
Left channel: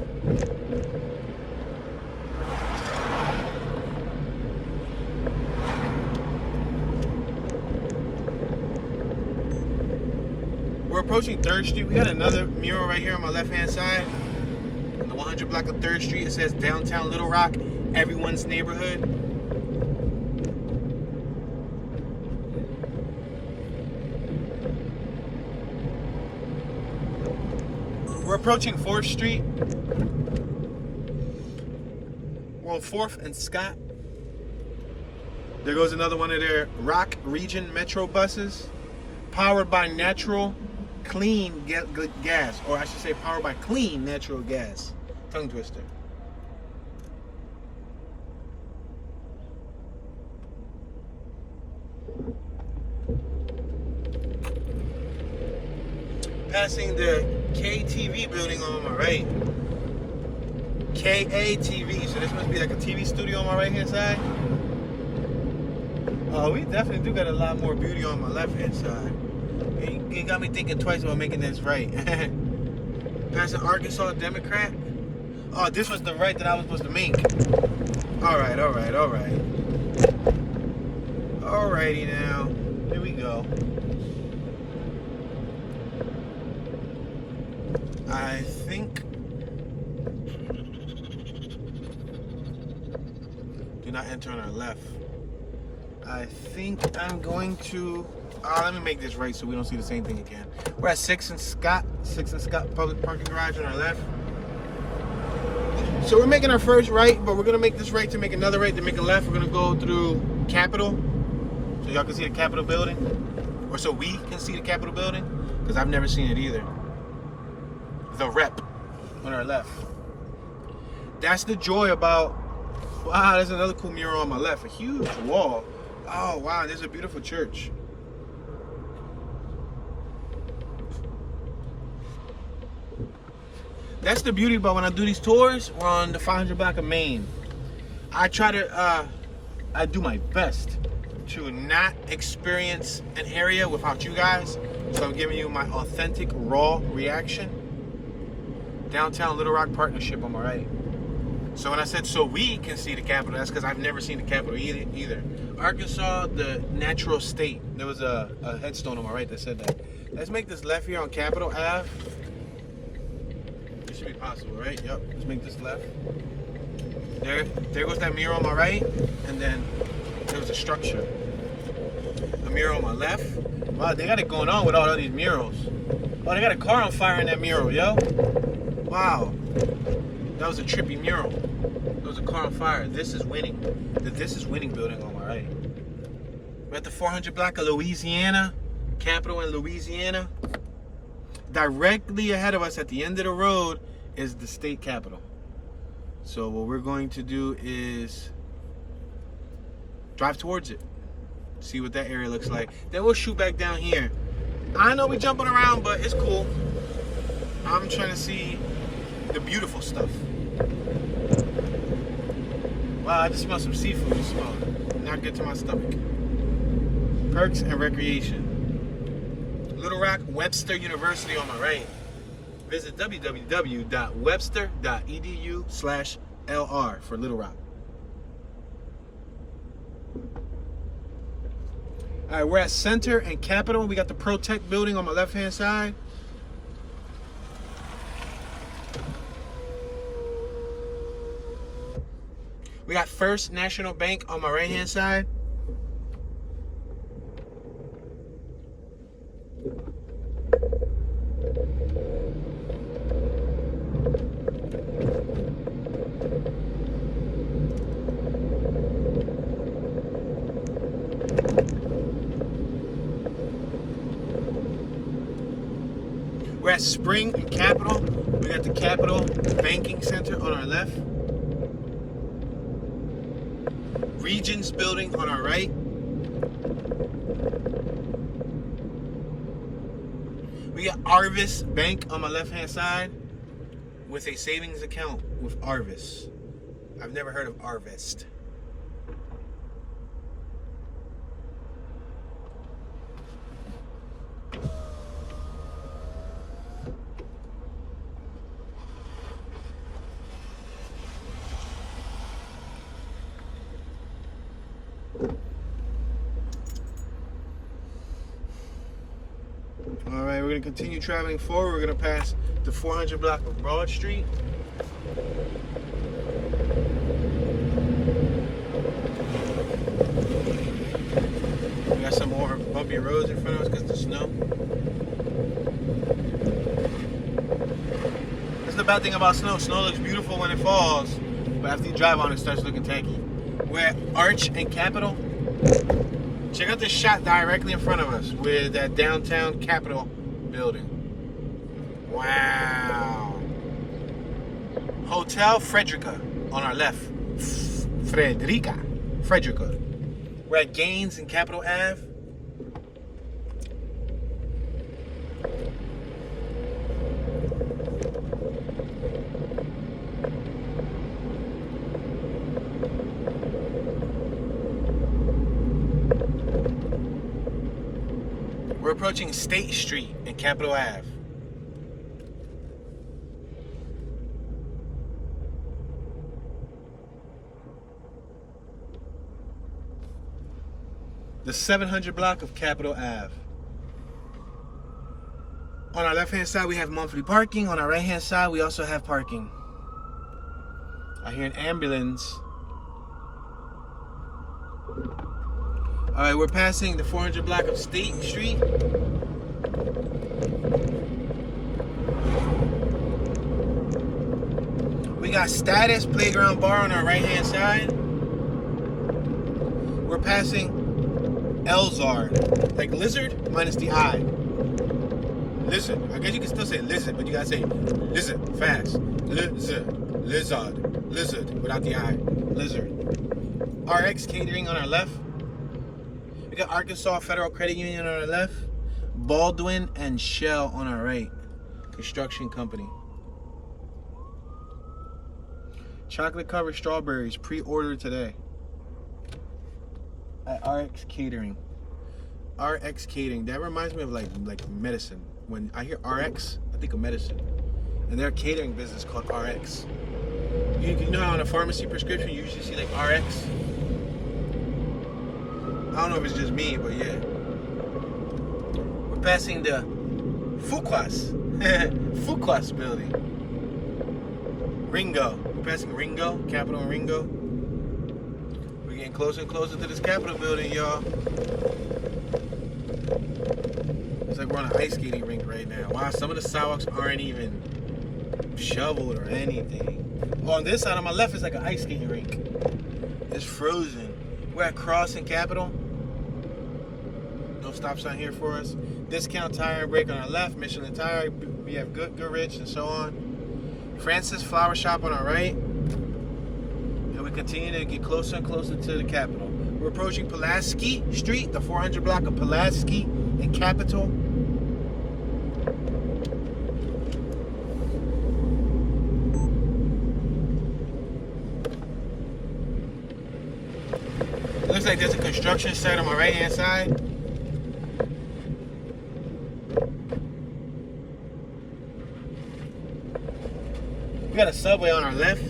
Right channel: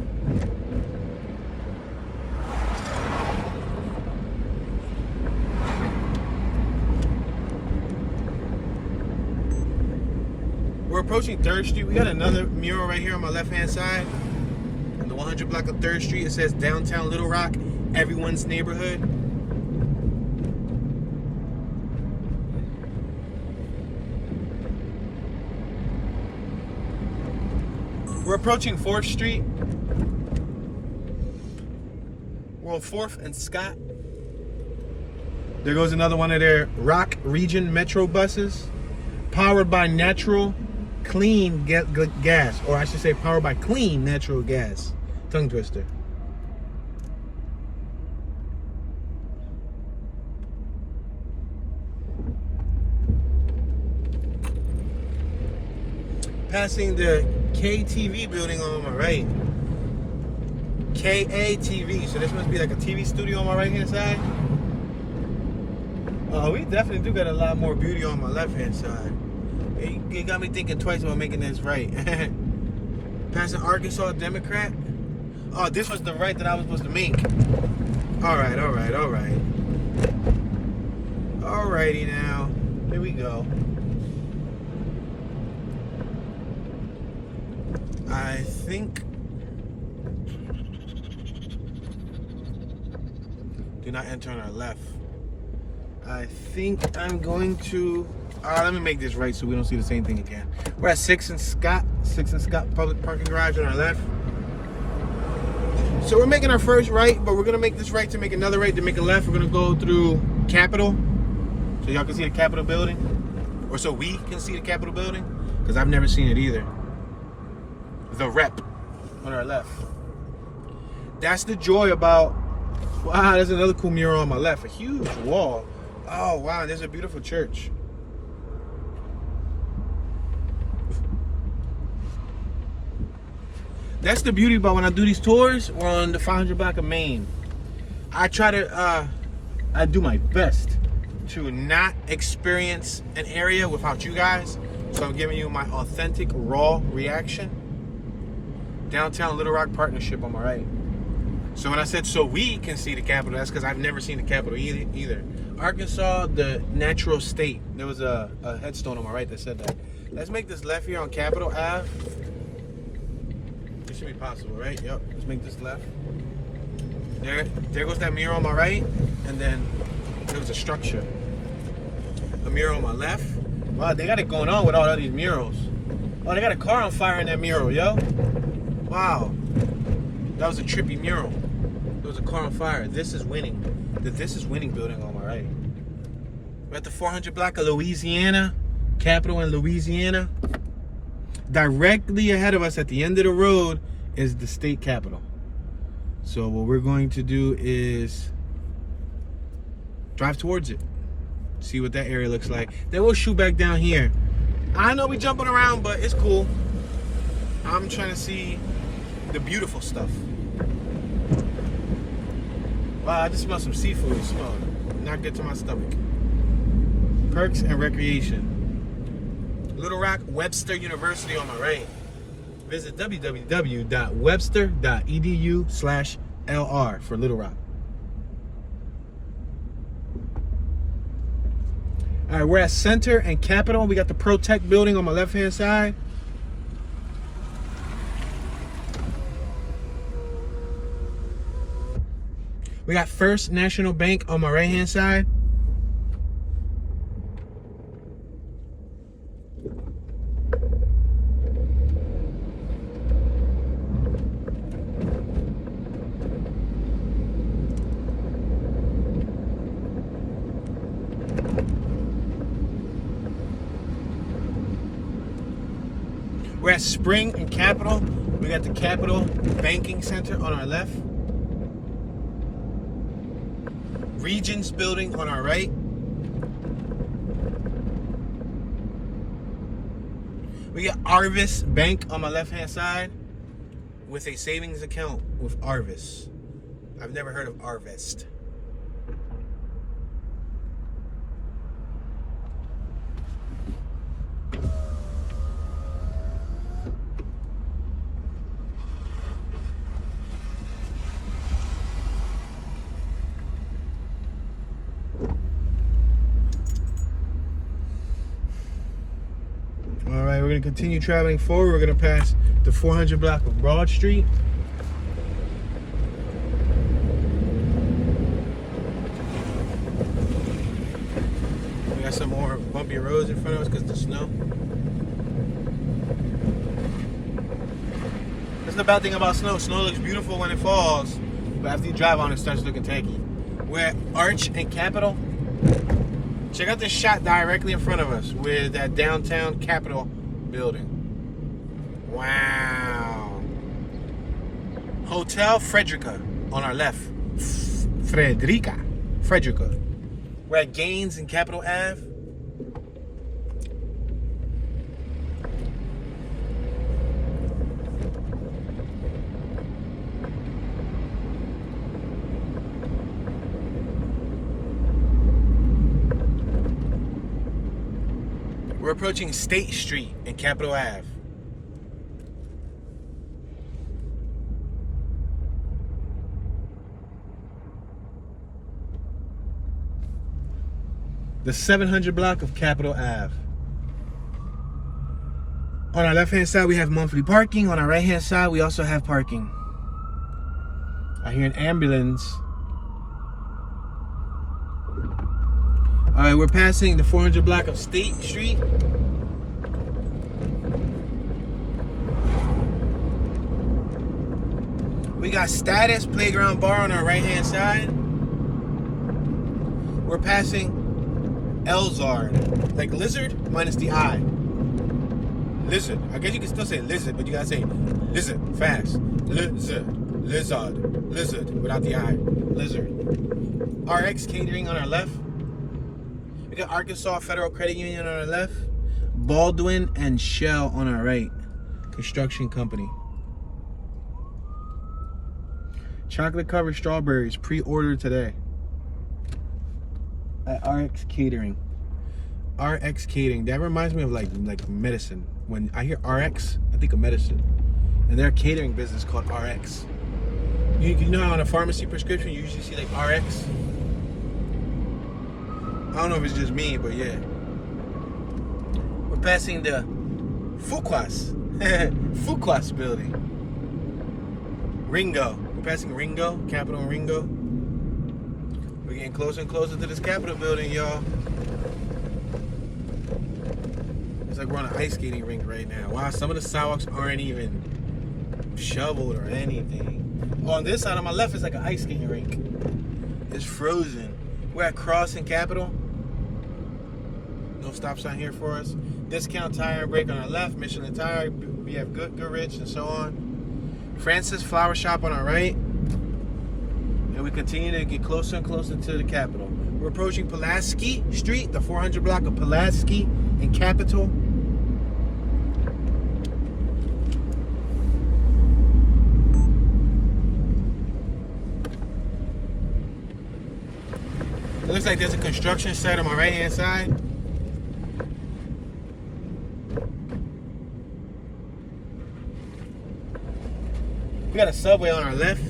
We're approaching 3rd Street. We got another mural right here on my left-hand side. On the 100 block of 3rd Street, it says Downtown Little Rock, everyone's neighborhood. We're approaching 4th Street. We're on 4th and Scott. There goes another one of their Rock Region Metro buses. Powered by natural clean gas, or I should say powered by clean natural gas. Tongue twister. Passing the KTV building on my right. KATV, so this must be like a TV studio on my right hand side. Oh, we definitely do got a lot more beauty on my left hand side. It got me thinking twice about making this right. Passing Arkansas Democrat. Oh, this was the right that I was supposed to make. Alright. Alrighty now. Here we go. I think... Do not enter on our left. I think I'm going to... let me make this right so we don't see the same thing again. We're at 6th and Scott public parking garage on our left. So we're making our first right, but we're gonna make this right to make another right to make a left. We're gonna go through Capitol, so y'all can see the Capitol building, or so we can see the Capitol building. because I've never seen it either. The Rep on our left. That's the joy about, wow, there's another cool mural on my left, a huge wall. Oh wow, there's a beautiful church. That's the beauty about when I do these tours. We're on the 500 block of Main. I try to, I do my best to not experience an area without you guys. So I'm giving you my authentic, raw reaction. Downtown Little Rock Partnership on my right. So when I said so we can see the Capitol, that's because I've never seen the Capitol either. Arkansas, the natural state. There was a headstone on my right that said that. Let's make this left here on Capitol Ave. It should be possible, right? Yep. Let's make this left. There goes that mural on my right, and then there was a structure. A mural on my left. Wow, they got it going on with all these murals. Oh, they got a car on fire in that mural, yo. Wow. That was a trippy mural. There was a car on fire. This is winning. The This is Winning building on my right. We're at the 400 block of Louisiana. Capitol in Louisiana. Directly ahead of us at the end of the road is the state capitol. So what we're going to do is drive towards it. See what that area looks like. Then we'll shoot back down here. I know we're jumping around, but it's cool. I'm trying to see the beautiful stuff. Wow, I just smell some seafood. So not good to my stomach. Perks and recreation. Little Rock Webster University on my right. Visit www.webster.edu/LR for Little Rock. All right, we're at Center and Capitol. We got the Protect building on my left-hand side. We got First National Bank on my right-hand side. We're at Spring and Capitol. We got the Capitol Banking Center on our left. Regions building on our right. We got Arvis Bank on my left-hand side with a savings account with Arvis. I've never heard of Arvest. We're going to continue traveling forward. We're going to pass the 400 block of Broad Street. We got some more bumpy roads in front of us because of the snow. That's the bad thing about snow. Snow looks beautiful when it falls, but after you drive on it, it starts looking tacky. We're at Arch and Capitol. Check out this shot directly in front of us with that downtown Capitol building. Wow. Hotel Frederica on our left. Frederica. We're at Gaines and Capitol Ave. We're approaching State Street and Capitol Ave. The 700 block of Capitol Ave. On our left-hand side, we have monthly parking. On our right-hand side, we also have parking. I hear an ambulance. All right, we're passing the 400 block of State Street. We got Status Playground Bar on our right-hand side. We're passing Elzard, like lizard minus the I. lizard. I guess you can still say lizard, but you gotta say lizard fast. Lizard, lizard, without the I. Lizard. RX Catering on our left. We got Arkansas Federal Credit Union on our left. Baldwin and Shell on our right. Construction company. Chocolate covered strawberries pre-ordered today at RX Catering. RX Catering. That reminds me of like medicine. When I hear RX, I think of medicine. And their catering business called RX. You know, on a pharmacy prescription, you usually see like RX. I don't know if it's just me, but yeah. We're passing the Fuquas. Fuquas building. Ringo. We're passing Ringo, Capitol Ringo. We're getting closer and closer to this Capitol building, y'all. It's like we're on an ice skating rink right now. Wow, some of the sidewalks aren't even shoveled or anything. On this side on my left is like an ice skating rink. It's frozen. We're at Crossing Capitol. No stop sign here for us. Discount Tire and Brake on our left. Michelin Tire, BF Goodrich, and so on. Francis Flower Shop on our right. And we continue to get closer and closer to the Capitol. We're approaching Pulaski Street, the 400 block of Pulaski and Capitol. It looks like there's a construction site on my right hand side. We got a subway on our left.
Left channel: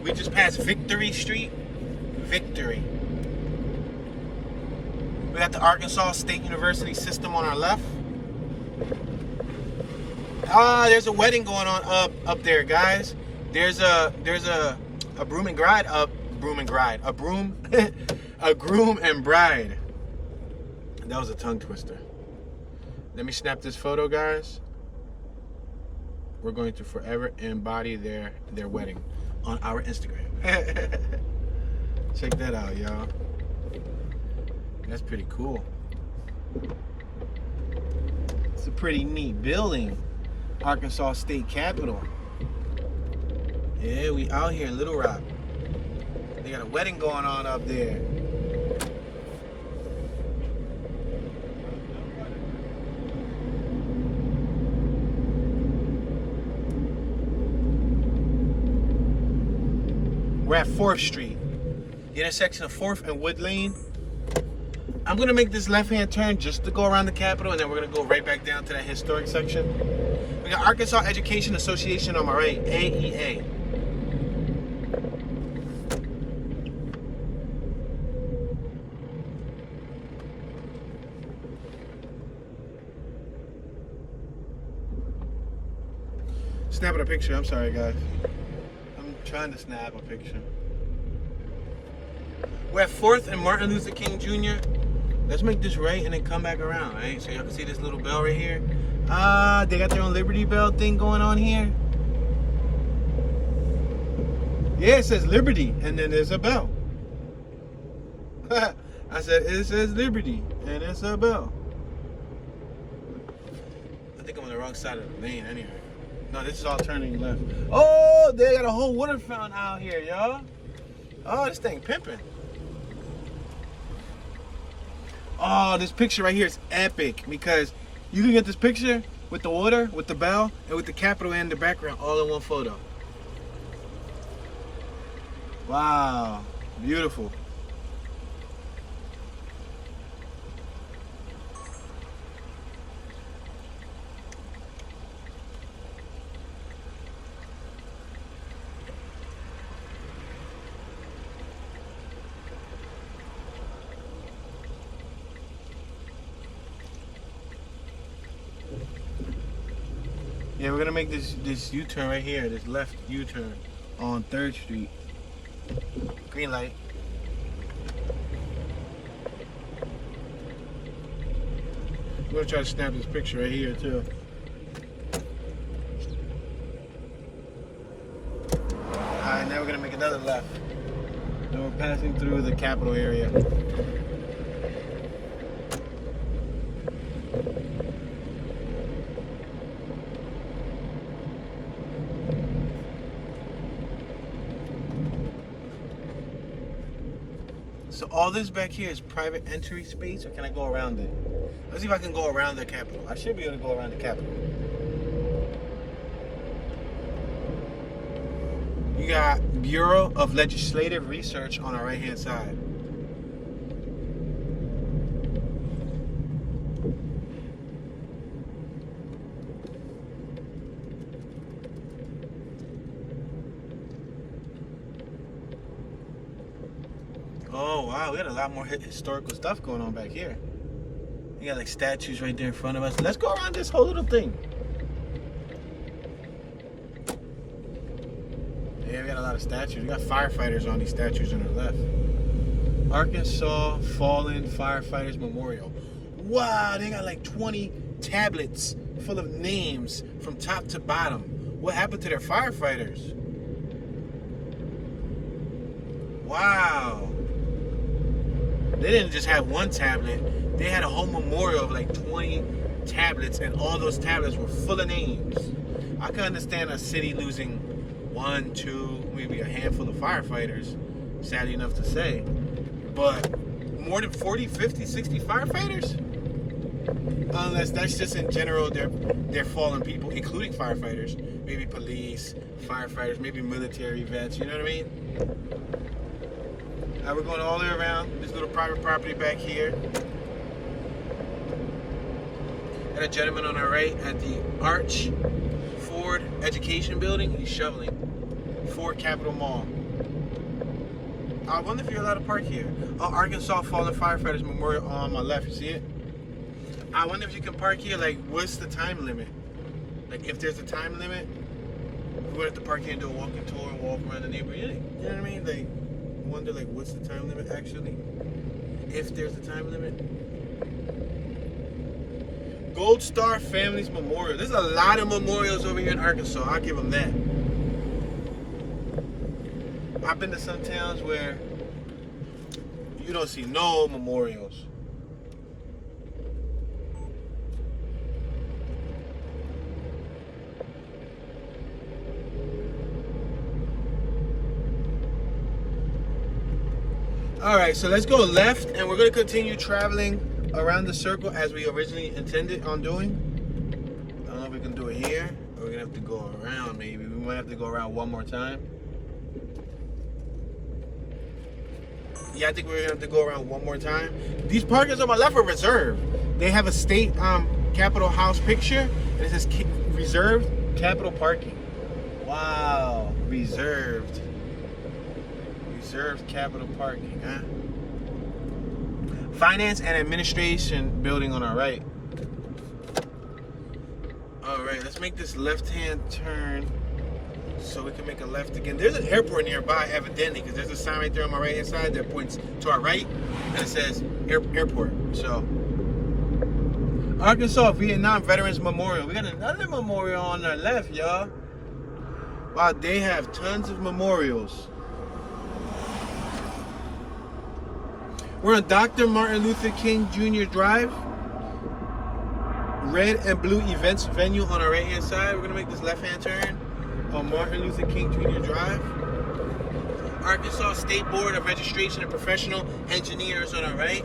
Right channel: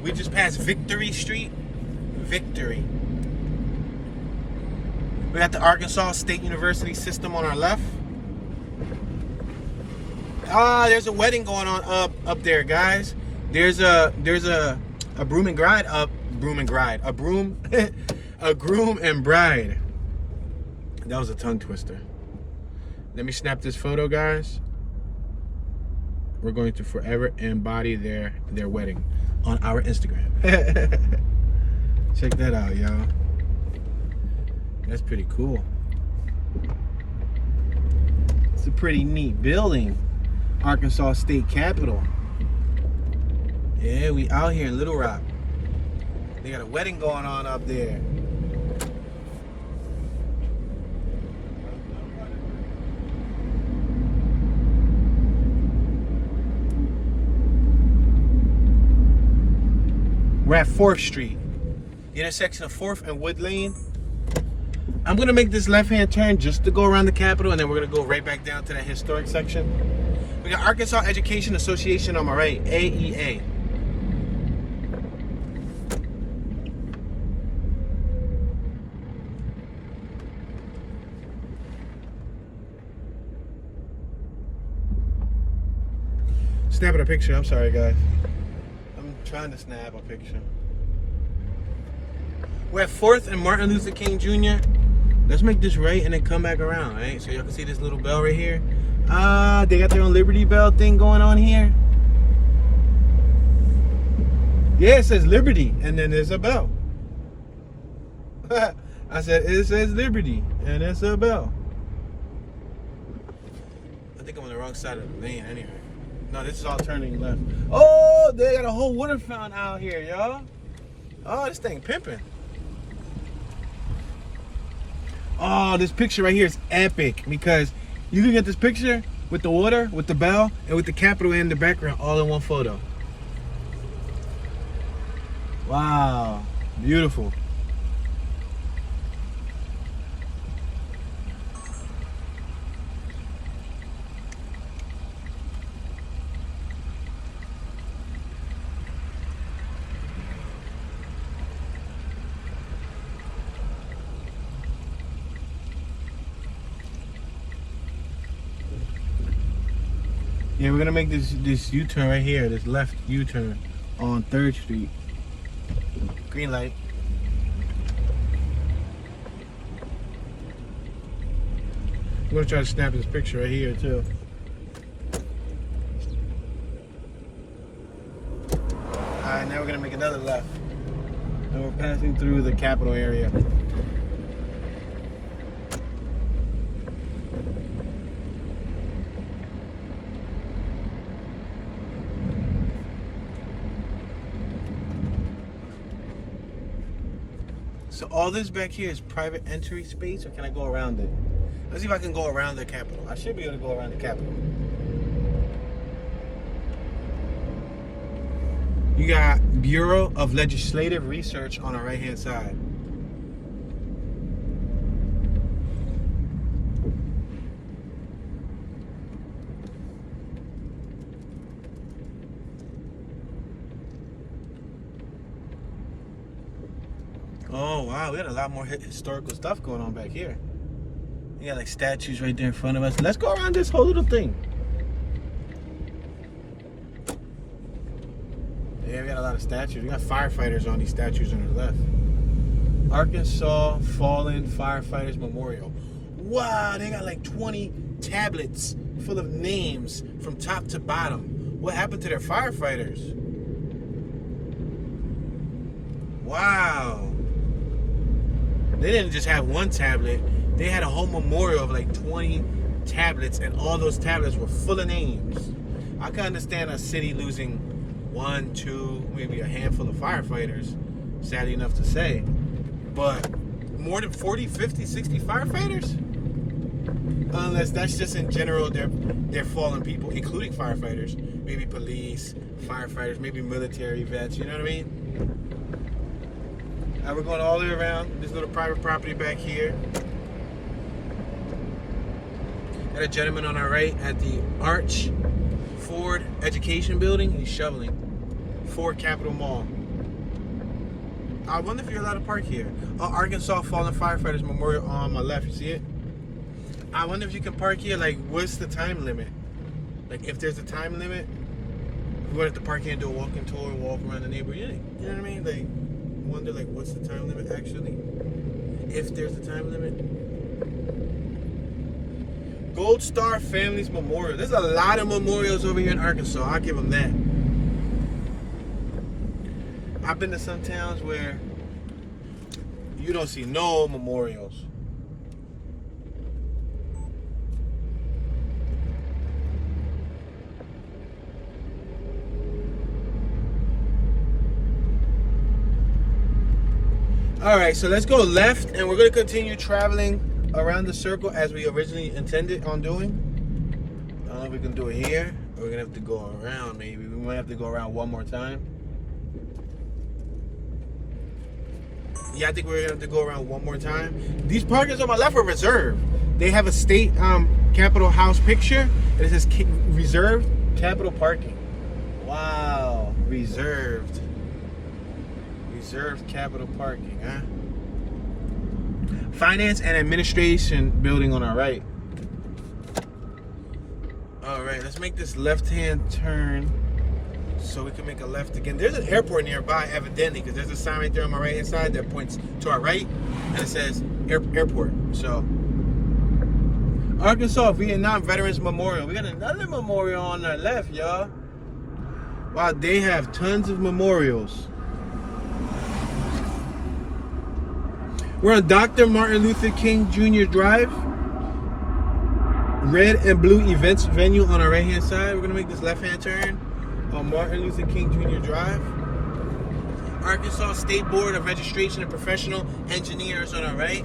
We just passed Victory Street. Victory. We got the Arkansas State University system on our left. Ah, there's a wedding going on up there, guys. There's a broom and bride up. A groom and bride. That was a tongue twister. Let me snap this photo, guys. We're going to forever embody their wedding on our Instagram. Check that out, y'all. That's pretty cool. It's a pretty neat building. Arkansas State Capitol. Yeah, we out here in Little Rock. They got a wedding going on up there. We're at 4th Street, the intersection of 4th and Wood Lane. I'm gonna make this left-hand turn just to go around the Capitol, and then we're gonna go right back down to that historic section. We got Arkansas Education Association on my right, AEA. Snapping a picture, I'm sorry guys. I'm trying to snap a picture. We're at 4th and Martin Luther King Jr. Let's make this right and then come back around, right? So y'all can see this little bell right here. They got their own Liberty Bell thing going on here. Yeah, it says Liberty and then there's a bell. I said it says Liberty and it's a bell. I think I'm on the wrong side of the lane anyway. No, this is all turning left. Oh, they got a whole water fountain out here, y'all. Oh, this thing pimping. Oh, this picture right here is epic because you can get this picture with the water, with the bell, and with the Capitol in the background all in one photo. Wow, beautiful. Yeah, we're gonna make this U-turn right here, this left U-turn on 3rd Street. Green light. I'm gonna try to snap this picture right here too. Alright, now we're gonna make another left. And we're passing through the Capitol area. So all this back here is private entry space, or can I go around it? Let's see if I can go around the Capitol. I should be able to go around the Capitol. You got Bureau of Legislative Research on our right-hand side. Oh wow, we got a lot more historical stuff going on back here. You got like statues right there in front of us. Let's go around this whole little thing. Yeah, we got a lot of statues. We got firefighters on these statues on the left. Arkansas Fallen Firefighters Memorial. Wow, they got like 20 tablets full of names from top to bottom. What happened to their firefighters? Wow. They didn't just have one tablet. They had a whole memorial of like 20 tablets, and all those tablets were full of names. I can understand a city losing 1, 2, maybe a handful of firefighters, sadly enough to say. But more than 40, 50, 60 firefighters? Unless that's just in general, they're fallen people, including firefighters. Maybe police, firefighters, maybe military vets, you know what I mean? We're going all the way around this little private property back here. Got a gentleman on our right at the Arch Ford Education Building. He's shoveling. Ford Capitol Mall. I wonder if you're allowed to park here. Oh, Arkansas Fallen Firefighters Memorial on my left. You see it? I wonder if you can park here. Like, what's the time limit? Like, if there's a time limit, we would have to park here and do a walking tour, walk around the neighborhood. You know what I mean? Like, wonder like what's the time limit actually, if there's a time limit. Gold Star Families Memorial. There's a lot of memorials over here in Arkansas. I'll give them that. I've been to some towns where you don't see no memorials. All right, so let's go left, and we're gonna continue traveling around the circle as we originally intended on doing. I don't know if we can do it here, or we're gonna have to go around maybe. We might have to go around one more time. Yeah, I think we're gonna have to go around one more time. These parkings on my left are reserved. They have a state Capitol House picture, and it says reserved Capitol parking. Wow, reserved. Reserved Capitol parking, huh? Finance and Administration building on our right. All right, let's make this left-hand turn so we can make a left again. There's an airport nearby, evidently, because there's a sign right there on my right-hand side that points to our right, and it says airport. So, Arkansas Vietnam Veterans Memorial. We got another memorial on our left, y'all. Wow, they have tons of memorials. We're on Dr. Martin Luther King Jr. Drive. Red and blue events venue on our right-hand side. We're gonna make this left-hand turn on Martin Luther King Jr. Drive. Arkansas State Board of Registration and Professional Engineers on our right.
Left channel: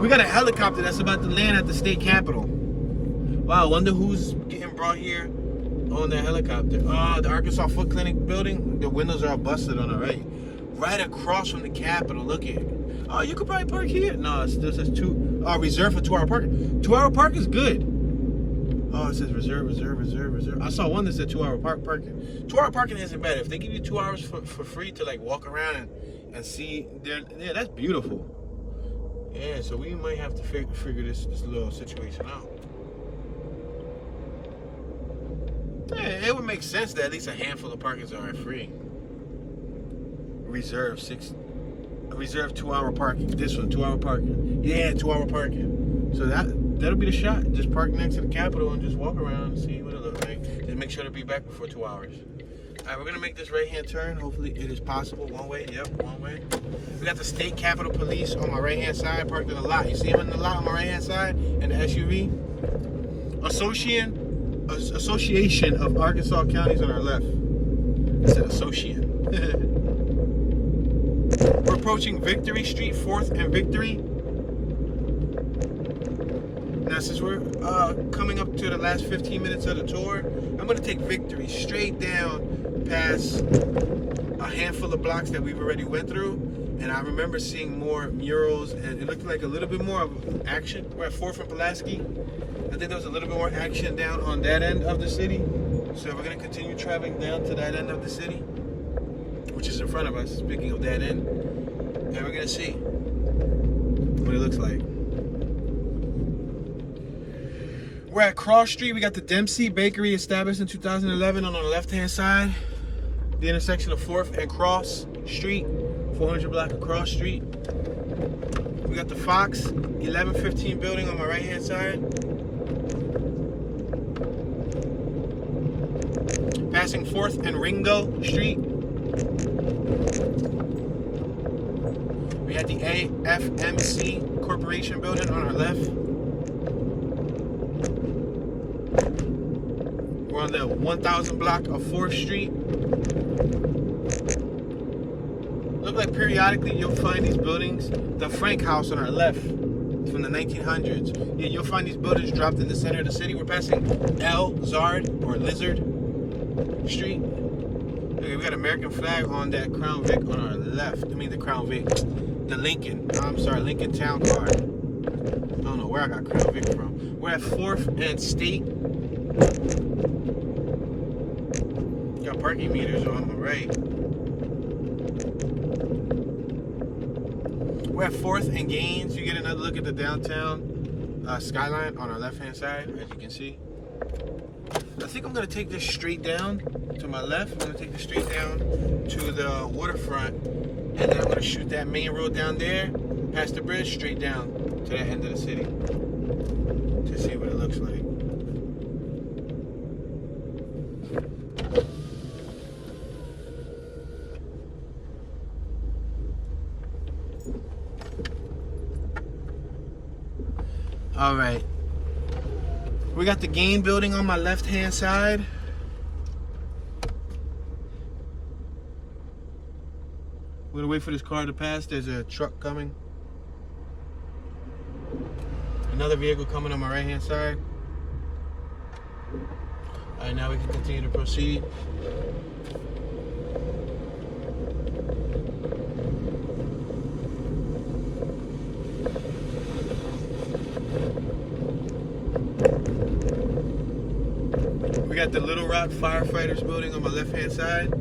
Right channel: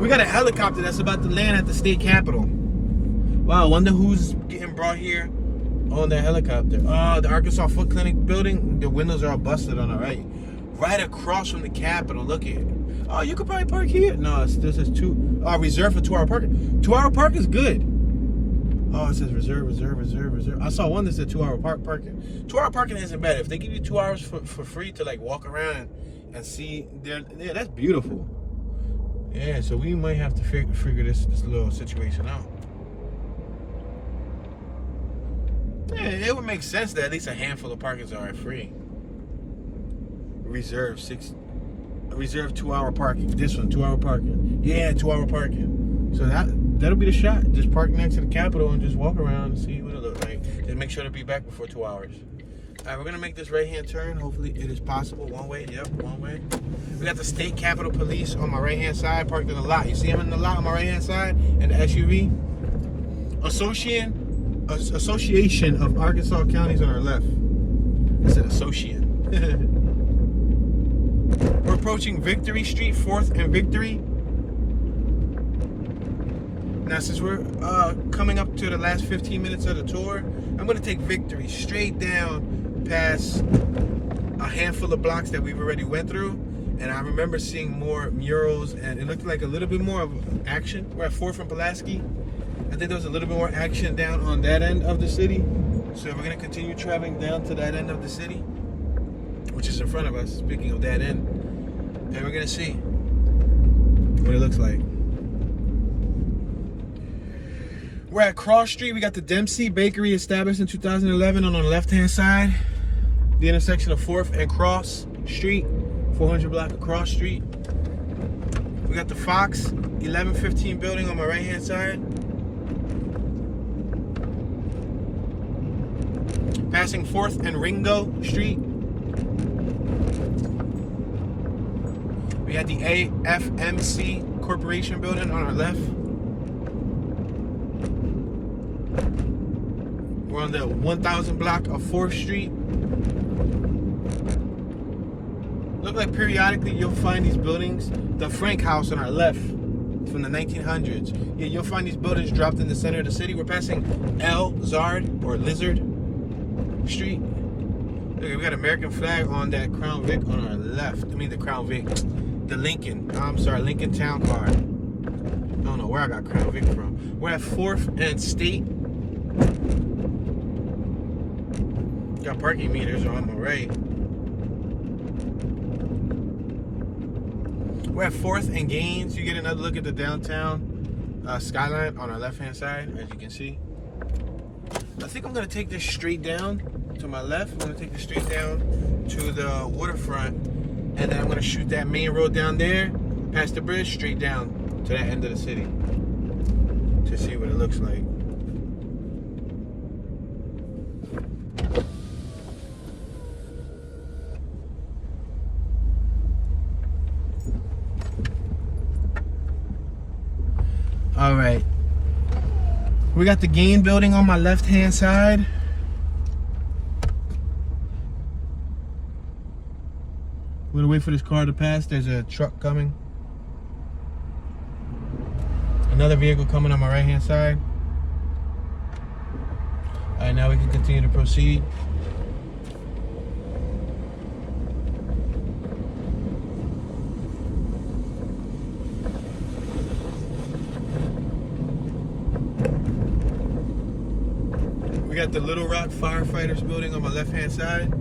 We got a helicopter that's about to land at the state capitol. Wow, I wonder who's getting brought here on the helicopter. Oh, the Arkansas Foot Clinic building. The windows are all busted on our right. Right across from the capitol, look at it. Oh, you could probably park here. No, it still says reserved for 2-hour parking. 2-hour park is good. Oh, it says reserve. I saw one that said 2-hour parking. 2-hour parking isn't bad. If they give you 2 hours for free to like walk around and see, yeah, that's beautiful. Yeah, so we might have to figure this little situation out. Yeah, it would make sense that at least a handful of parkings are free. Reserve 2-hour parking. This one, 2-hour parking. Yeah, 2-hour parking. So that'll be the shot. Just park next to the Capitol and just walk around and see what it looks like. Just make sure to be back before 2 hours. All right, we're gonna make this right-hand turn. Hopefully it is possible. One way, yep, one way. We got the State Capitol Police on my right-hand side, parked in the lot. You see them in the lot on my right-hand side, in the SUV. Association of Arkansas Counties on our left. I said associate. We're approaching Victory Street, 4th and Victory. Now, since we're coming up to the last 15 minutes of the tour, I'm going to take Victory straight down past a handful of blocks that we've already went through. And I remember seeing more murals, and it looked like a little bit more of action. We're at 4th and Pulaski. I think there was a little bit more action down on that end of the city. So we're going to continue traveling down to that end of the city, which is in front of us, speaking of that end. And we're going to see what it looks like. We're at Cross Street. We got the Dempsey Bakery, established in 2011 on the left-hand side. The intersection of 4th and Cross Street, 400 block of Cross Street. We got the Fox 1115 building on my right-hand side. Passing 4th and Ringo Street. We had the AFMC Corporation building on our left. We're on the 1000 block of 4th Street. Look like periodically you'll find these buildings. The Frank House on our left from the 1900s. Yeah, you'll find these buildings dropped in the center of the city. We're passing El Zard or Lizard Street. Okay, we got American flag on that Crown Vic on our left. I mean the Crown Vic. The Lincoln. I'm sorry, Lincoln Town Car. I don't know where I got Crown Vic from. We're at 4th and State. Got parking meters on my right. We're at 4th and Gaines. You get another look at the downtown skyline on our left-hand side, as you can see. I think I'm gonna take this straight down to my left. I'm gonna take this straight down to the waterfront, and then I'm gonna shoot that main road down there, past the bridge, straight down to that end of the city to see what it looks like. All right, we got the Gain building on my left-hand side. We're gonna wait for this car to pass. There's a truck coming. Another vehicle coming on my right-hand side. All right, now we can continue to proceed. We got the Little Rock Firefighters building on my left-hand side.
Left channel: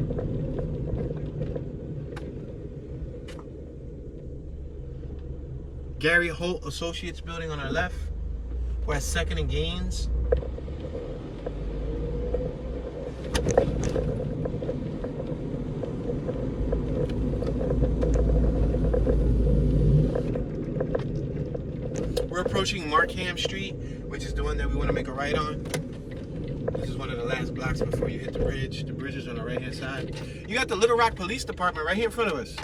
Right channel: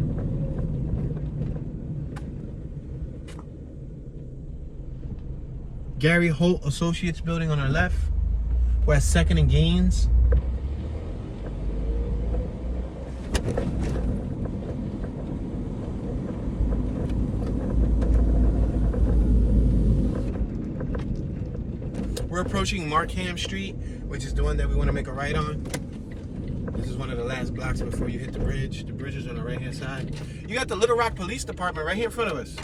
Gary Holt Associates building on our left. We're at 2nd and Gaines. We're approaching Markham Street, which is the one that we want to make a right on. This is one of the last blocks before you hit the bridge. The bridge is on the right-hand side. You got the Little Rock Police Department right here in front of us.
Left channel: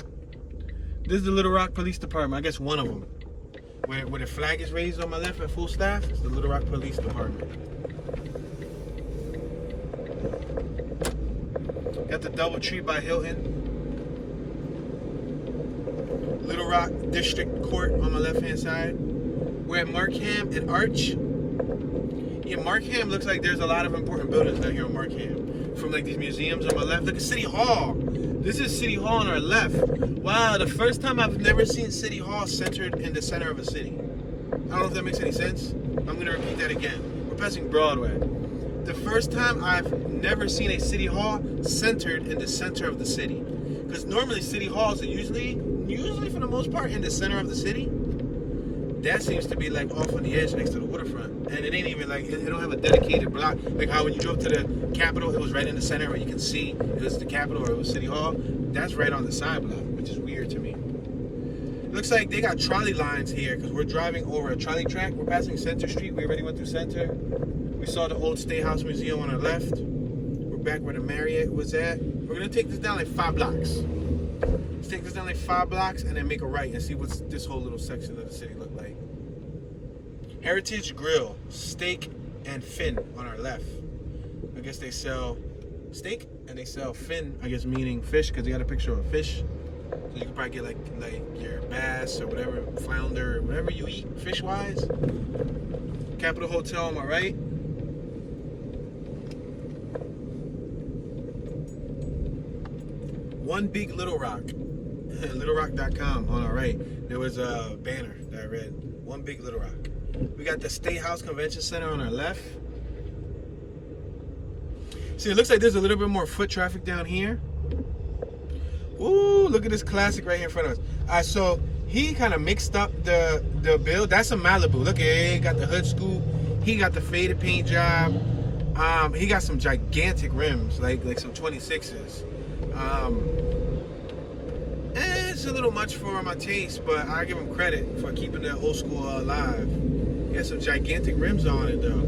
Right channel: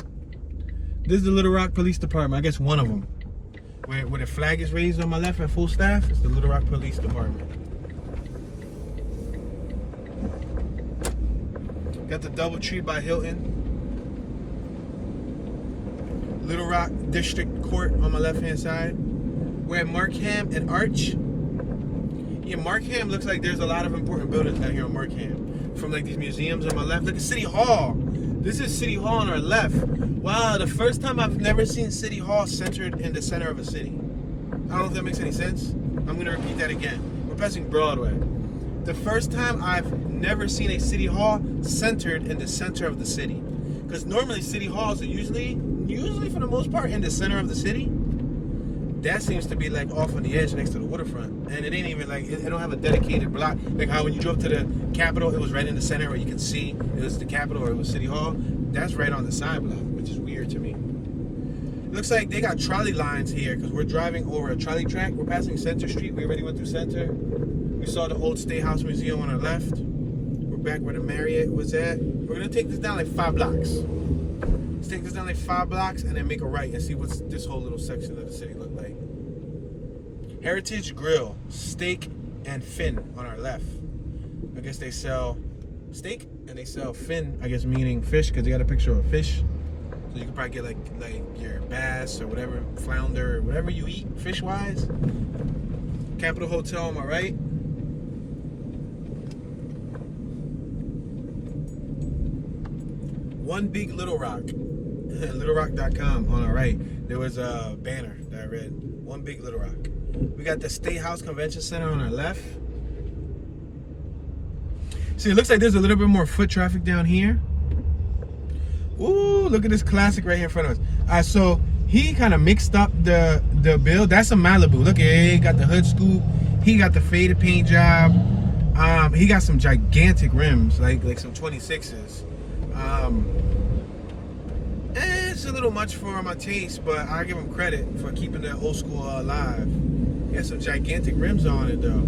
This is the Little Rock Police Department. I guess one of them. Where the flag is raised on my left at full staff, it's the Little Rock Police Department. Got the DoubleTree by Hilton. Little Rock District Court on my left-hand side. We're at Markham and Arch. Yeah, Markham looks like there's a lot of important buildings out here on Markham. From like these museums on my left. Look at City Hall. This is City Hall on our left. Wow, the first time I've never seen City Hall centered in the center of a city. I don't know if that makes any sense. I'm gonna repeat that again. We're passing Broadway. The first time I've never seen a City Hall centered in the center of the city. Because normally City Halls are usually for the most part in the center of the city. That seems to be like off on the edge next to the waterfront. And it ain't even like, it don't have a dedicated block. Like how when you drove to the Capitol, it was right in the center where you could see it was the Capitol or it was City Hall. That's right on the side block, which is weird to me. Looks like they got trolley lines here because we're driving over a trolley track. We're passing Center Street. We already went through Center. We saw the old State House Museum on our left. We're back where the Marriott was at. We're gonna take this down like 5 blocks. Let's take this down like 5 blocks and then make a right and see what's this whole little section of the city look like. Heritage Grill, steak and fin on our left. I guess they sell steak and they sell fin, I guess meaning fish, because they got a picture of a fish So you can probably get like your bass or whatever, flounder, or whatever you eat fish wise. Capitol Hotel on my right. One Big Little Rock. LittleRock.com on our right. There was a banner that I read. One Big Little Rock. We got the State House Convention Center on our left. See, it looks like there's a little bit more foot traffic down here. Ooh, look at this classic right here in front of us. So he kind of mixed up the build. That's a Malibu. Look at it. He got the hood scoop. He got the faded paint job. He got some gigantic rims, like some 26s. It's a little much for my taste, but I give him credit for keeping that old school alive. He has some gigantic rims on it, though.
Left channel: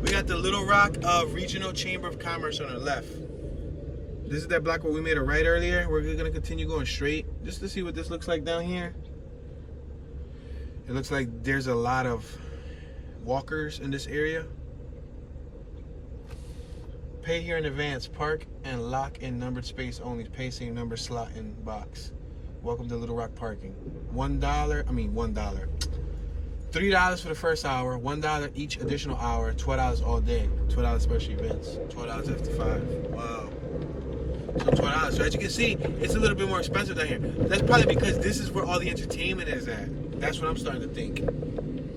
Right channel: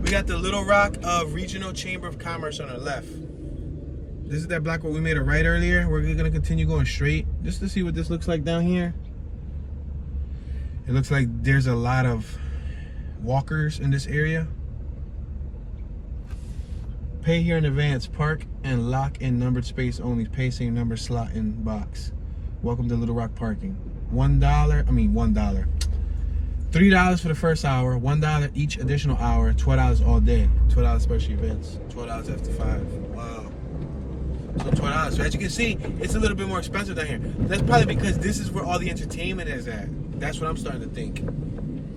We got the Little Rock Regional Chamber of Commerce on our left. This is that block where we made a right earlier. We're gonna continue going straight just to see what this looks like down here. It looks like there's a lot of walkers in this area. Pay here in advance. Park and lock in numbered space only. Pay same number slot in box. Welcome to Little Rock parking. $1. $3 for the first hour. $1 each additional hour. $12 all day. $12 special events. $12 after 5. Wow. So $12. So as you can see, it's a little bit more expensive down here. That's probably because this is where all the entertainment is at. That's what I'm starting to think.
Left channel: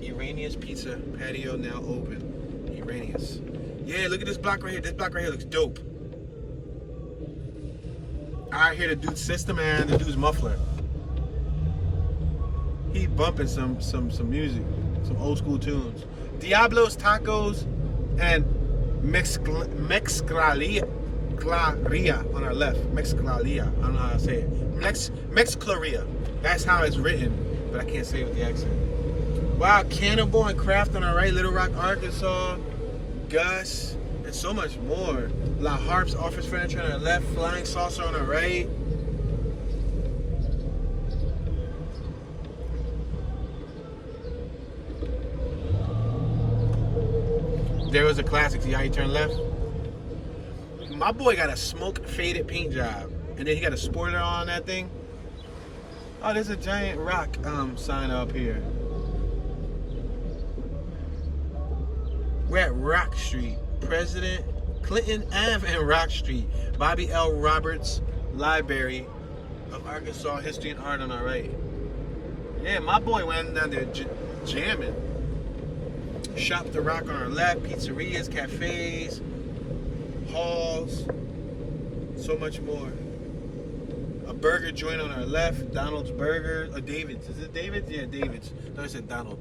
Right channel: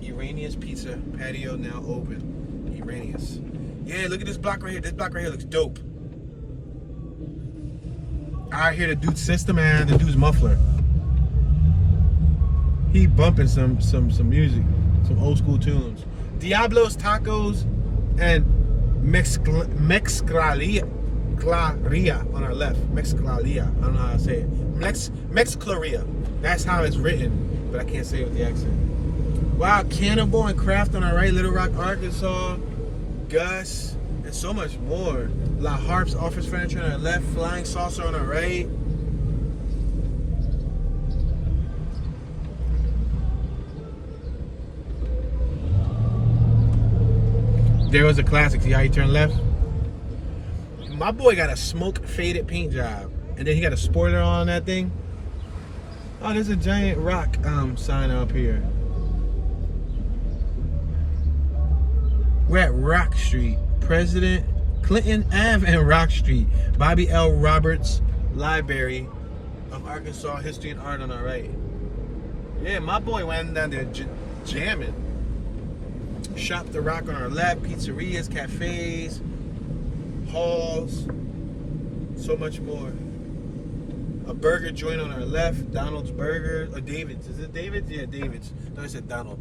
Iranian's Pizza patio now open. Iranian's. Yeah, look at this block right here. This block right here looks dope. I hear the dude's system and the dude's muffler. He bumping some music, some old school tunes. Diablo's Tacos and Mexclaria on our left. Mexclaria. I don't know how to say it. Mexclaria. That's how it's written, but I can't say it with the accent. Wow, Cannibal and Craft on our right. Little Rock, Arkansas. Gus, and so much more. La Harpe's office furniture on our left, Flying Saucer on our right. There was a classic. See how you turn left? My boy got a smoke faded paint job, and then he got a spoiler on that thing. Oh, there's a giant rock sign up here. We're at Rock Street, President Clinton Ave and Rock Street. Bobby L. Roberts Library of Arkansas History and Art on our right. Yeah, my boy went down there jamming. Shop the Rock on our left, pizzerias, cafes, halls, so much more. A burger joint on our left, Donald's Burger, or David's. Is it David's? Yeah, David's. No, I said Donald.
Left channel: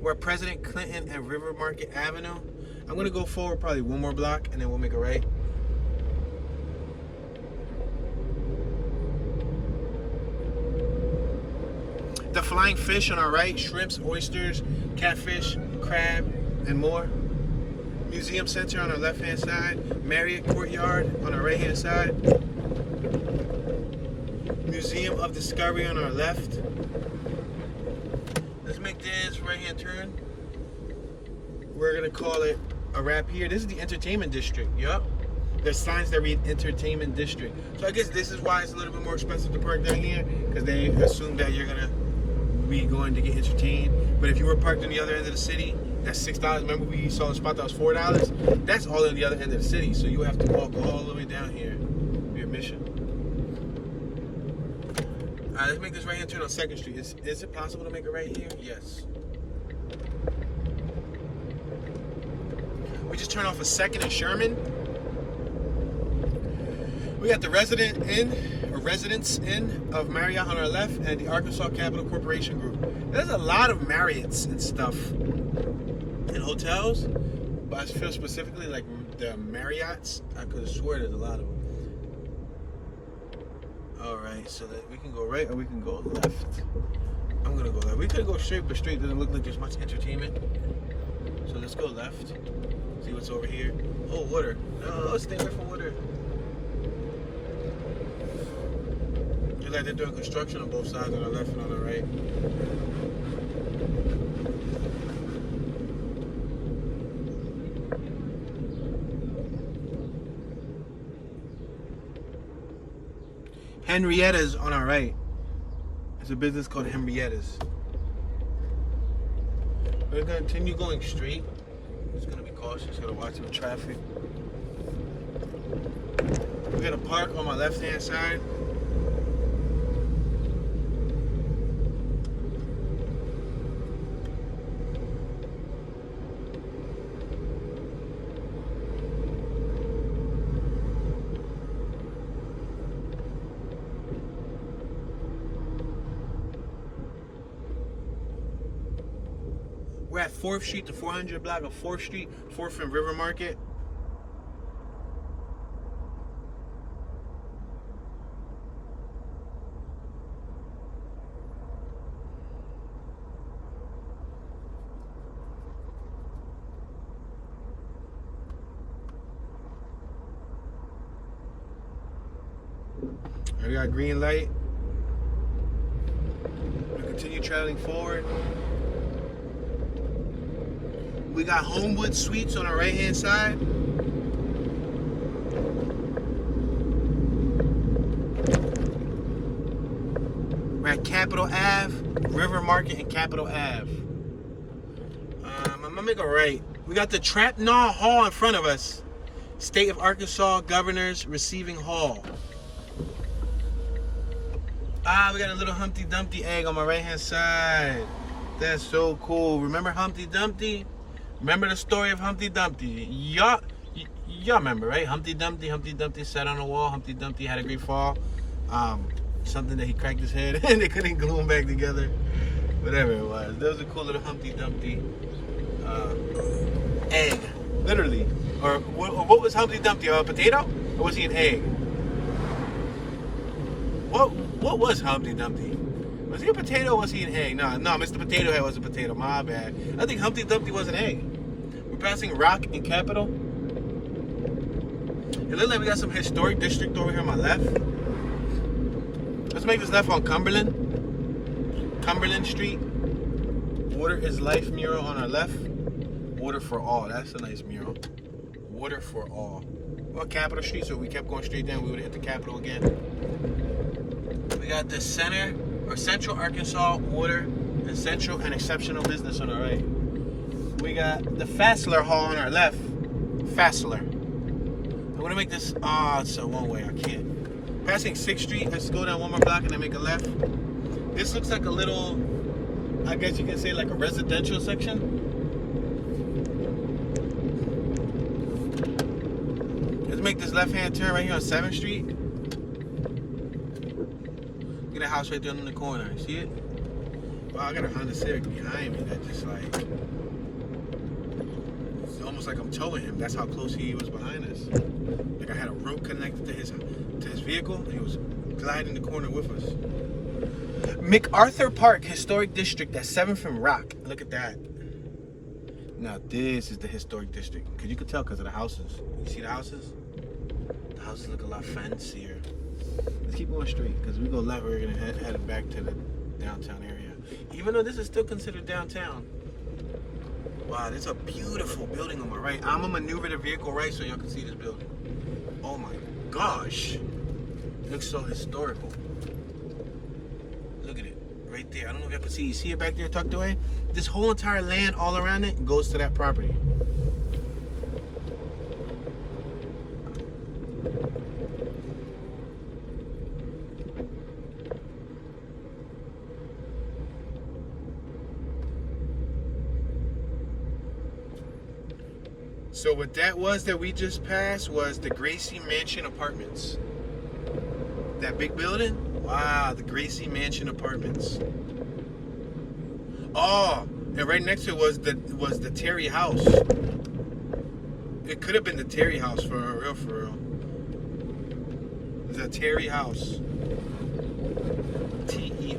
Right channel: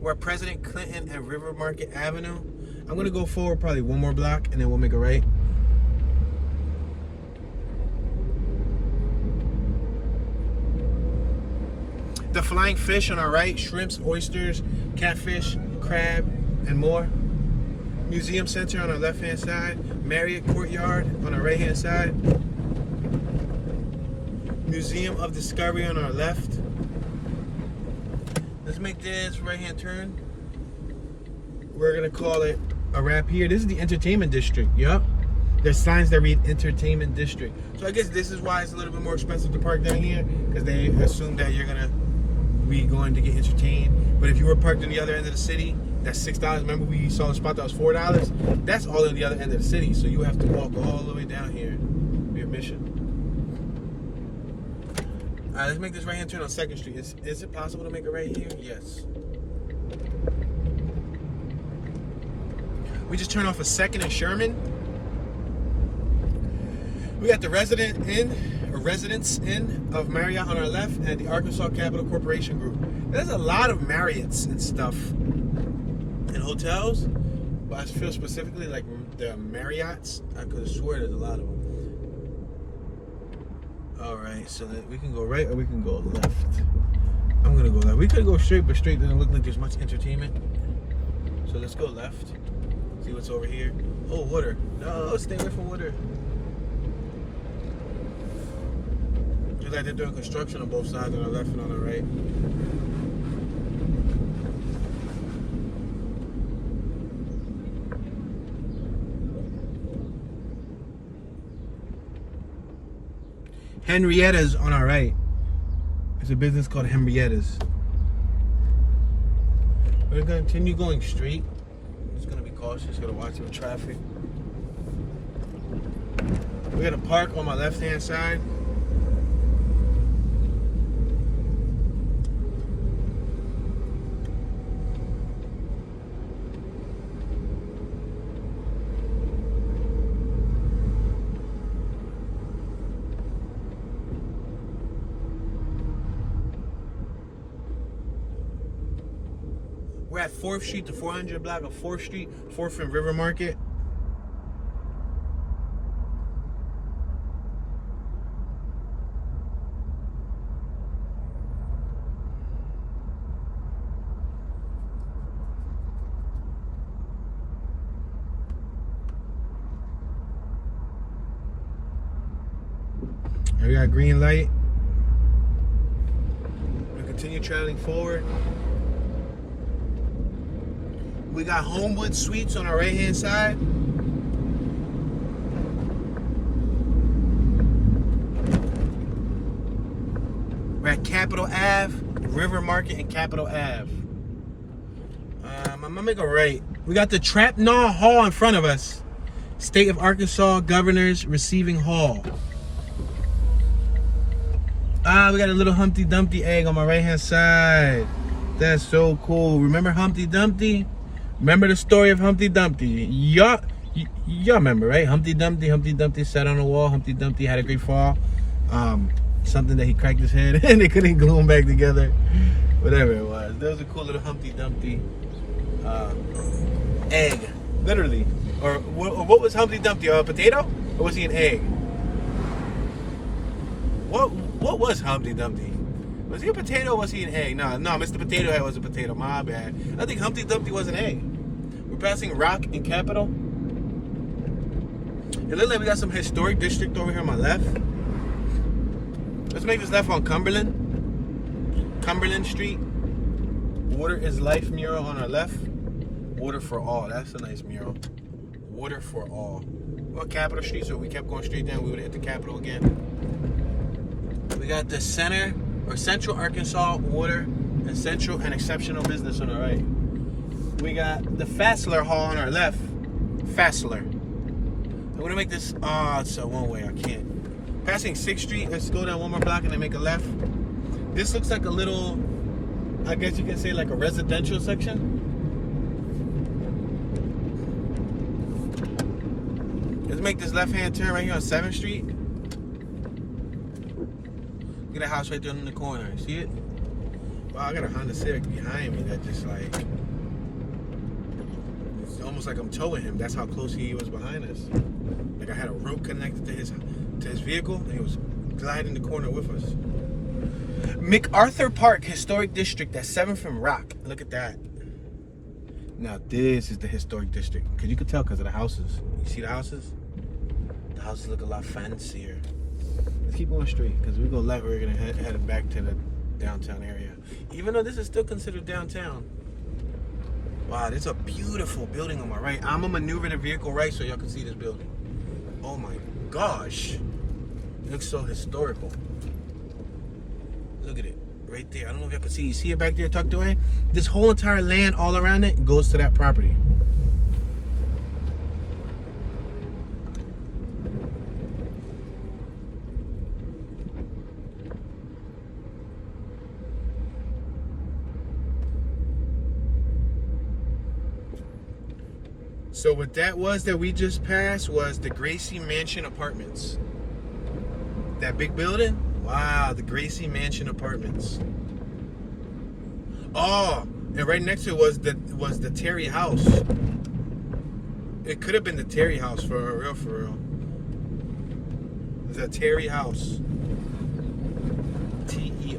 We're at President Clinton and River Market Avenue. I'm gonna go forward probably one more block and then we'll make a right. The Flying Fish on our right, shrimps, oysters, catfish, crab, and more. Museum Center on our left hand side. Marriott Courtyard on our right hand side. Museum of Discovery on our left. Let's make this right hand turn. We're gonna call it a wrap here. This is the entertainment district. Yep. There's signs that read entertainment district. So I guess this is why it's a little bit more expensive to park down here, because they assume that you're gonna be going to get entertained. But if you were parked on the other end of the city, that's $6. Remember we saw a spot that was $4? That's all on the other end of the city. So you have to walk all the way down here for your mission. Alright, let's make this right hand turn on 2nd Street. Is it possible to make it right here? Yes. We just turned off a 2nd and Sherman. We got the Residence Inn of Marriott on our left and the Arkansas Capital Corporation Group. There's a lot of Marriotts and stuff and hotels, but I feel specifically like the Marriotts. I could have sworn there's a lot of them. Alright, so that we can go right or we can go left. I'm gonna go left. We could go straight, but straight doesn't look like there's much entertainment. So let's go left. See what's over here. Oh, water. No, stay away from water. Looks like they're doing construction on both sides, on the left and on the right. Henrietta's on our right. It's a business called Henrietta's. We're gonna continue going straight. Just gonna be cautious, gonna watch the traffic. We're gonna park on my left-hand side. We're at 4th Street, the 400 block of 4th Street, 4th and River Market. We got green light. We continue traveling forward. We got Homewood Suites on our right-hand side. We're at Capitol Ave, River Market, and Capitol Ave. I'm gonna make a right. We got the Trapnaw Hall in front of us. State of Arkansas Governor's Receiving Hall. We got a little Humpty Dumpty egg on my right-hand side. That's so cool. Remember Humpty Dumpty? Remember the story of Humpty Dumpty? Y'all remember, right? Humpty Dumpty sat on the wall. Humpty Dumpty had a great fall. Something that he cracked his head and they couldn't glue him back together. Whatever it was. That was a cool little Humpty Dumpty egg, literally. Or what was Humpty Dumpty? A potato? Or was he an egg? What was Humpty Dumpty? Was he a potato or was he an egg? No, Mr. Potato Head was a potato. My bad. I think Humpty Dumpty was an egg. We're passing Rock and Capitol. It looks like we got some historic district over here on my left. Let's make this left on Cumberland. Cumberland Street. Water is Life mural on our left. Water for all. That's a nice mural. Water for all. We're on Capitol Street, so if we kept going straight down, we would hit the Capitol again. We got the Center or Central Arkansas Water and Central and Exceptional Business on our right. We got the Fassler Hall on our left. Fassler. I'm gonna make this. It's a one way. I can't. Passing 6th Street. Let's go down one more block and then make a left. This looks like a little, I guess you can say like a residential section. Let's make this left-hand turn right here on 7th Street. Look at that house right there in the corner. See it? Wow, I got a Honda Civic behind me that just like, it's almost like I'm towing him. That's how close he was behind us. Like I had a rope connected to his vehicle and he was gliding the corner with us. MacArthur Park Historic District at 7th and Rock. Look at that. Now this is the historic district. Cause you could tell because of the houses. You see the houses? The houses look a lot fancier. Let's keep going straight because we go left. We're gonna head back to the downtown area. Even though this is still considered downtown. Wow, there's a beautiful building on my right. I'm gonna maneuver the vehicle right so y'all can see this building. Oh my gosh. It looks so historical. Look at it. Right there. I don't know if y'all can see. You see it back there tucked away? This whole entire land all around it goes to that property. So what that was that we just passed was the Gracie Mansion Apartments. That big building? Wow, the Gracie Mansion Apartments. Oh, and right next to it was the Terry House. It could have been the Terry House for real. The Terry House. Terry.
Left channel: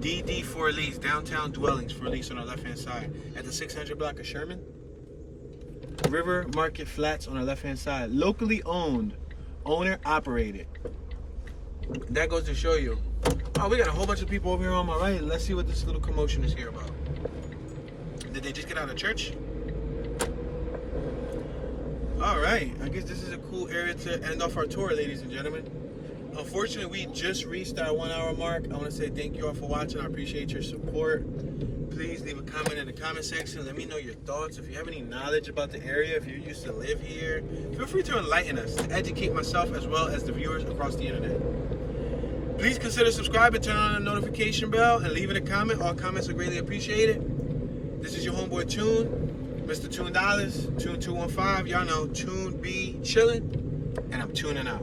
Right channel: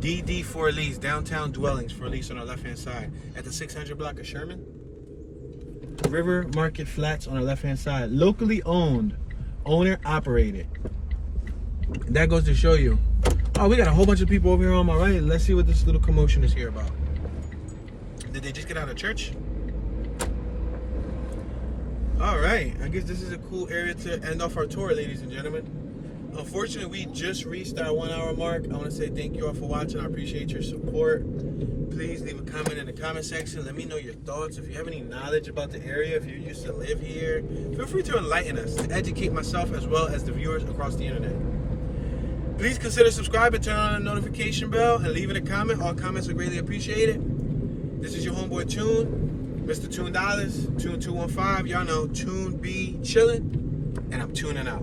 DD for lease, downtown dwellings for lease on our left-hand side. At the 600 block of Sherman. River Market Flats on our left-hand side. Locally owned. Owner operated. That goes to show you. Oh, we got a whole bunch of people over here on my right. Let's see what this little commotion is here about. Did they just get out of church? All right, I guess this is a cool area to end off our tour, ladies and gentlemen. Unfortunately, we just reached that 1 hour mark. I want to say thank you all for watching. I appreciate your support. Please leave a comment in the comment section. Let me know your thoughts. If you have any knowledge about the area, if you used to live here, feel free to enlighten us, to educate myself as well as the viewers across the internet. Please consider subscribing, turn on the notification bell, and leaving a comment. All comments are greatly appreciated. This is your homeboy Tune, Mr. Tune Dollars, Tune 215. Y'all know Tune be chillin', and I'm tuning out.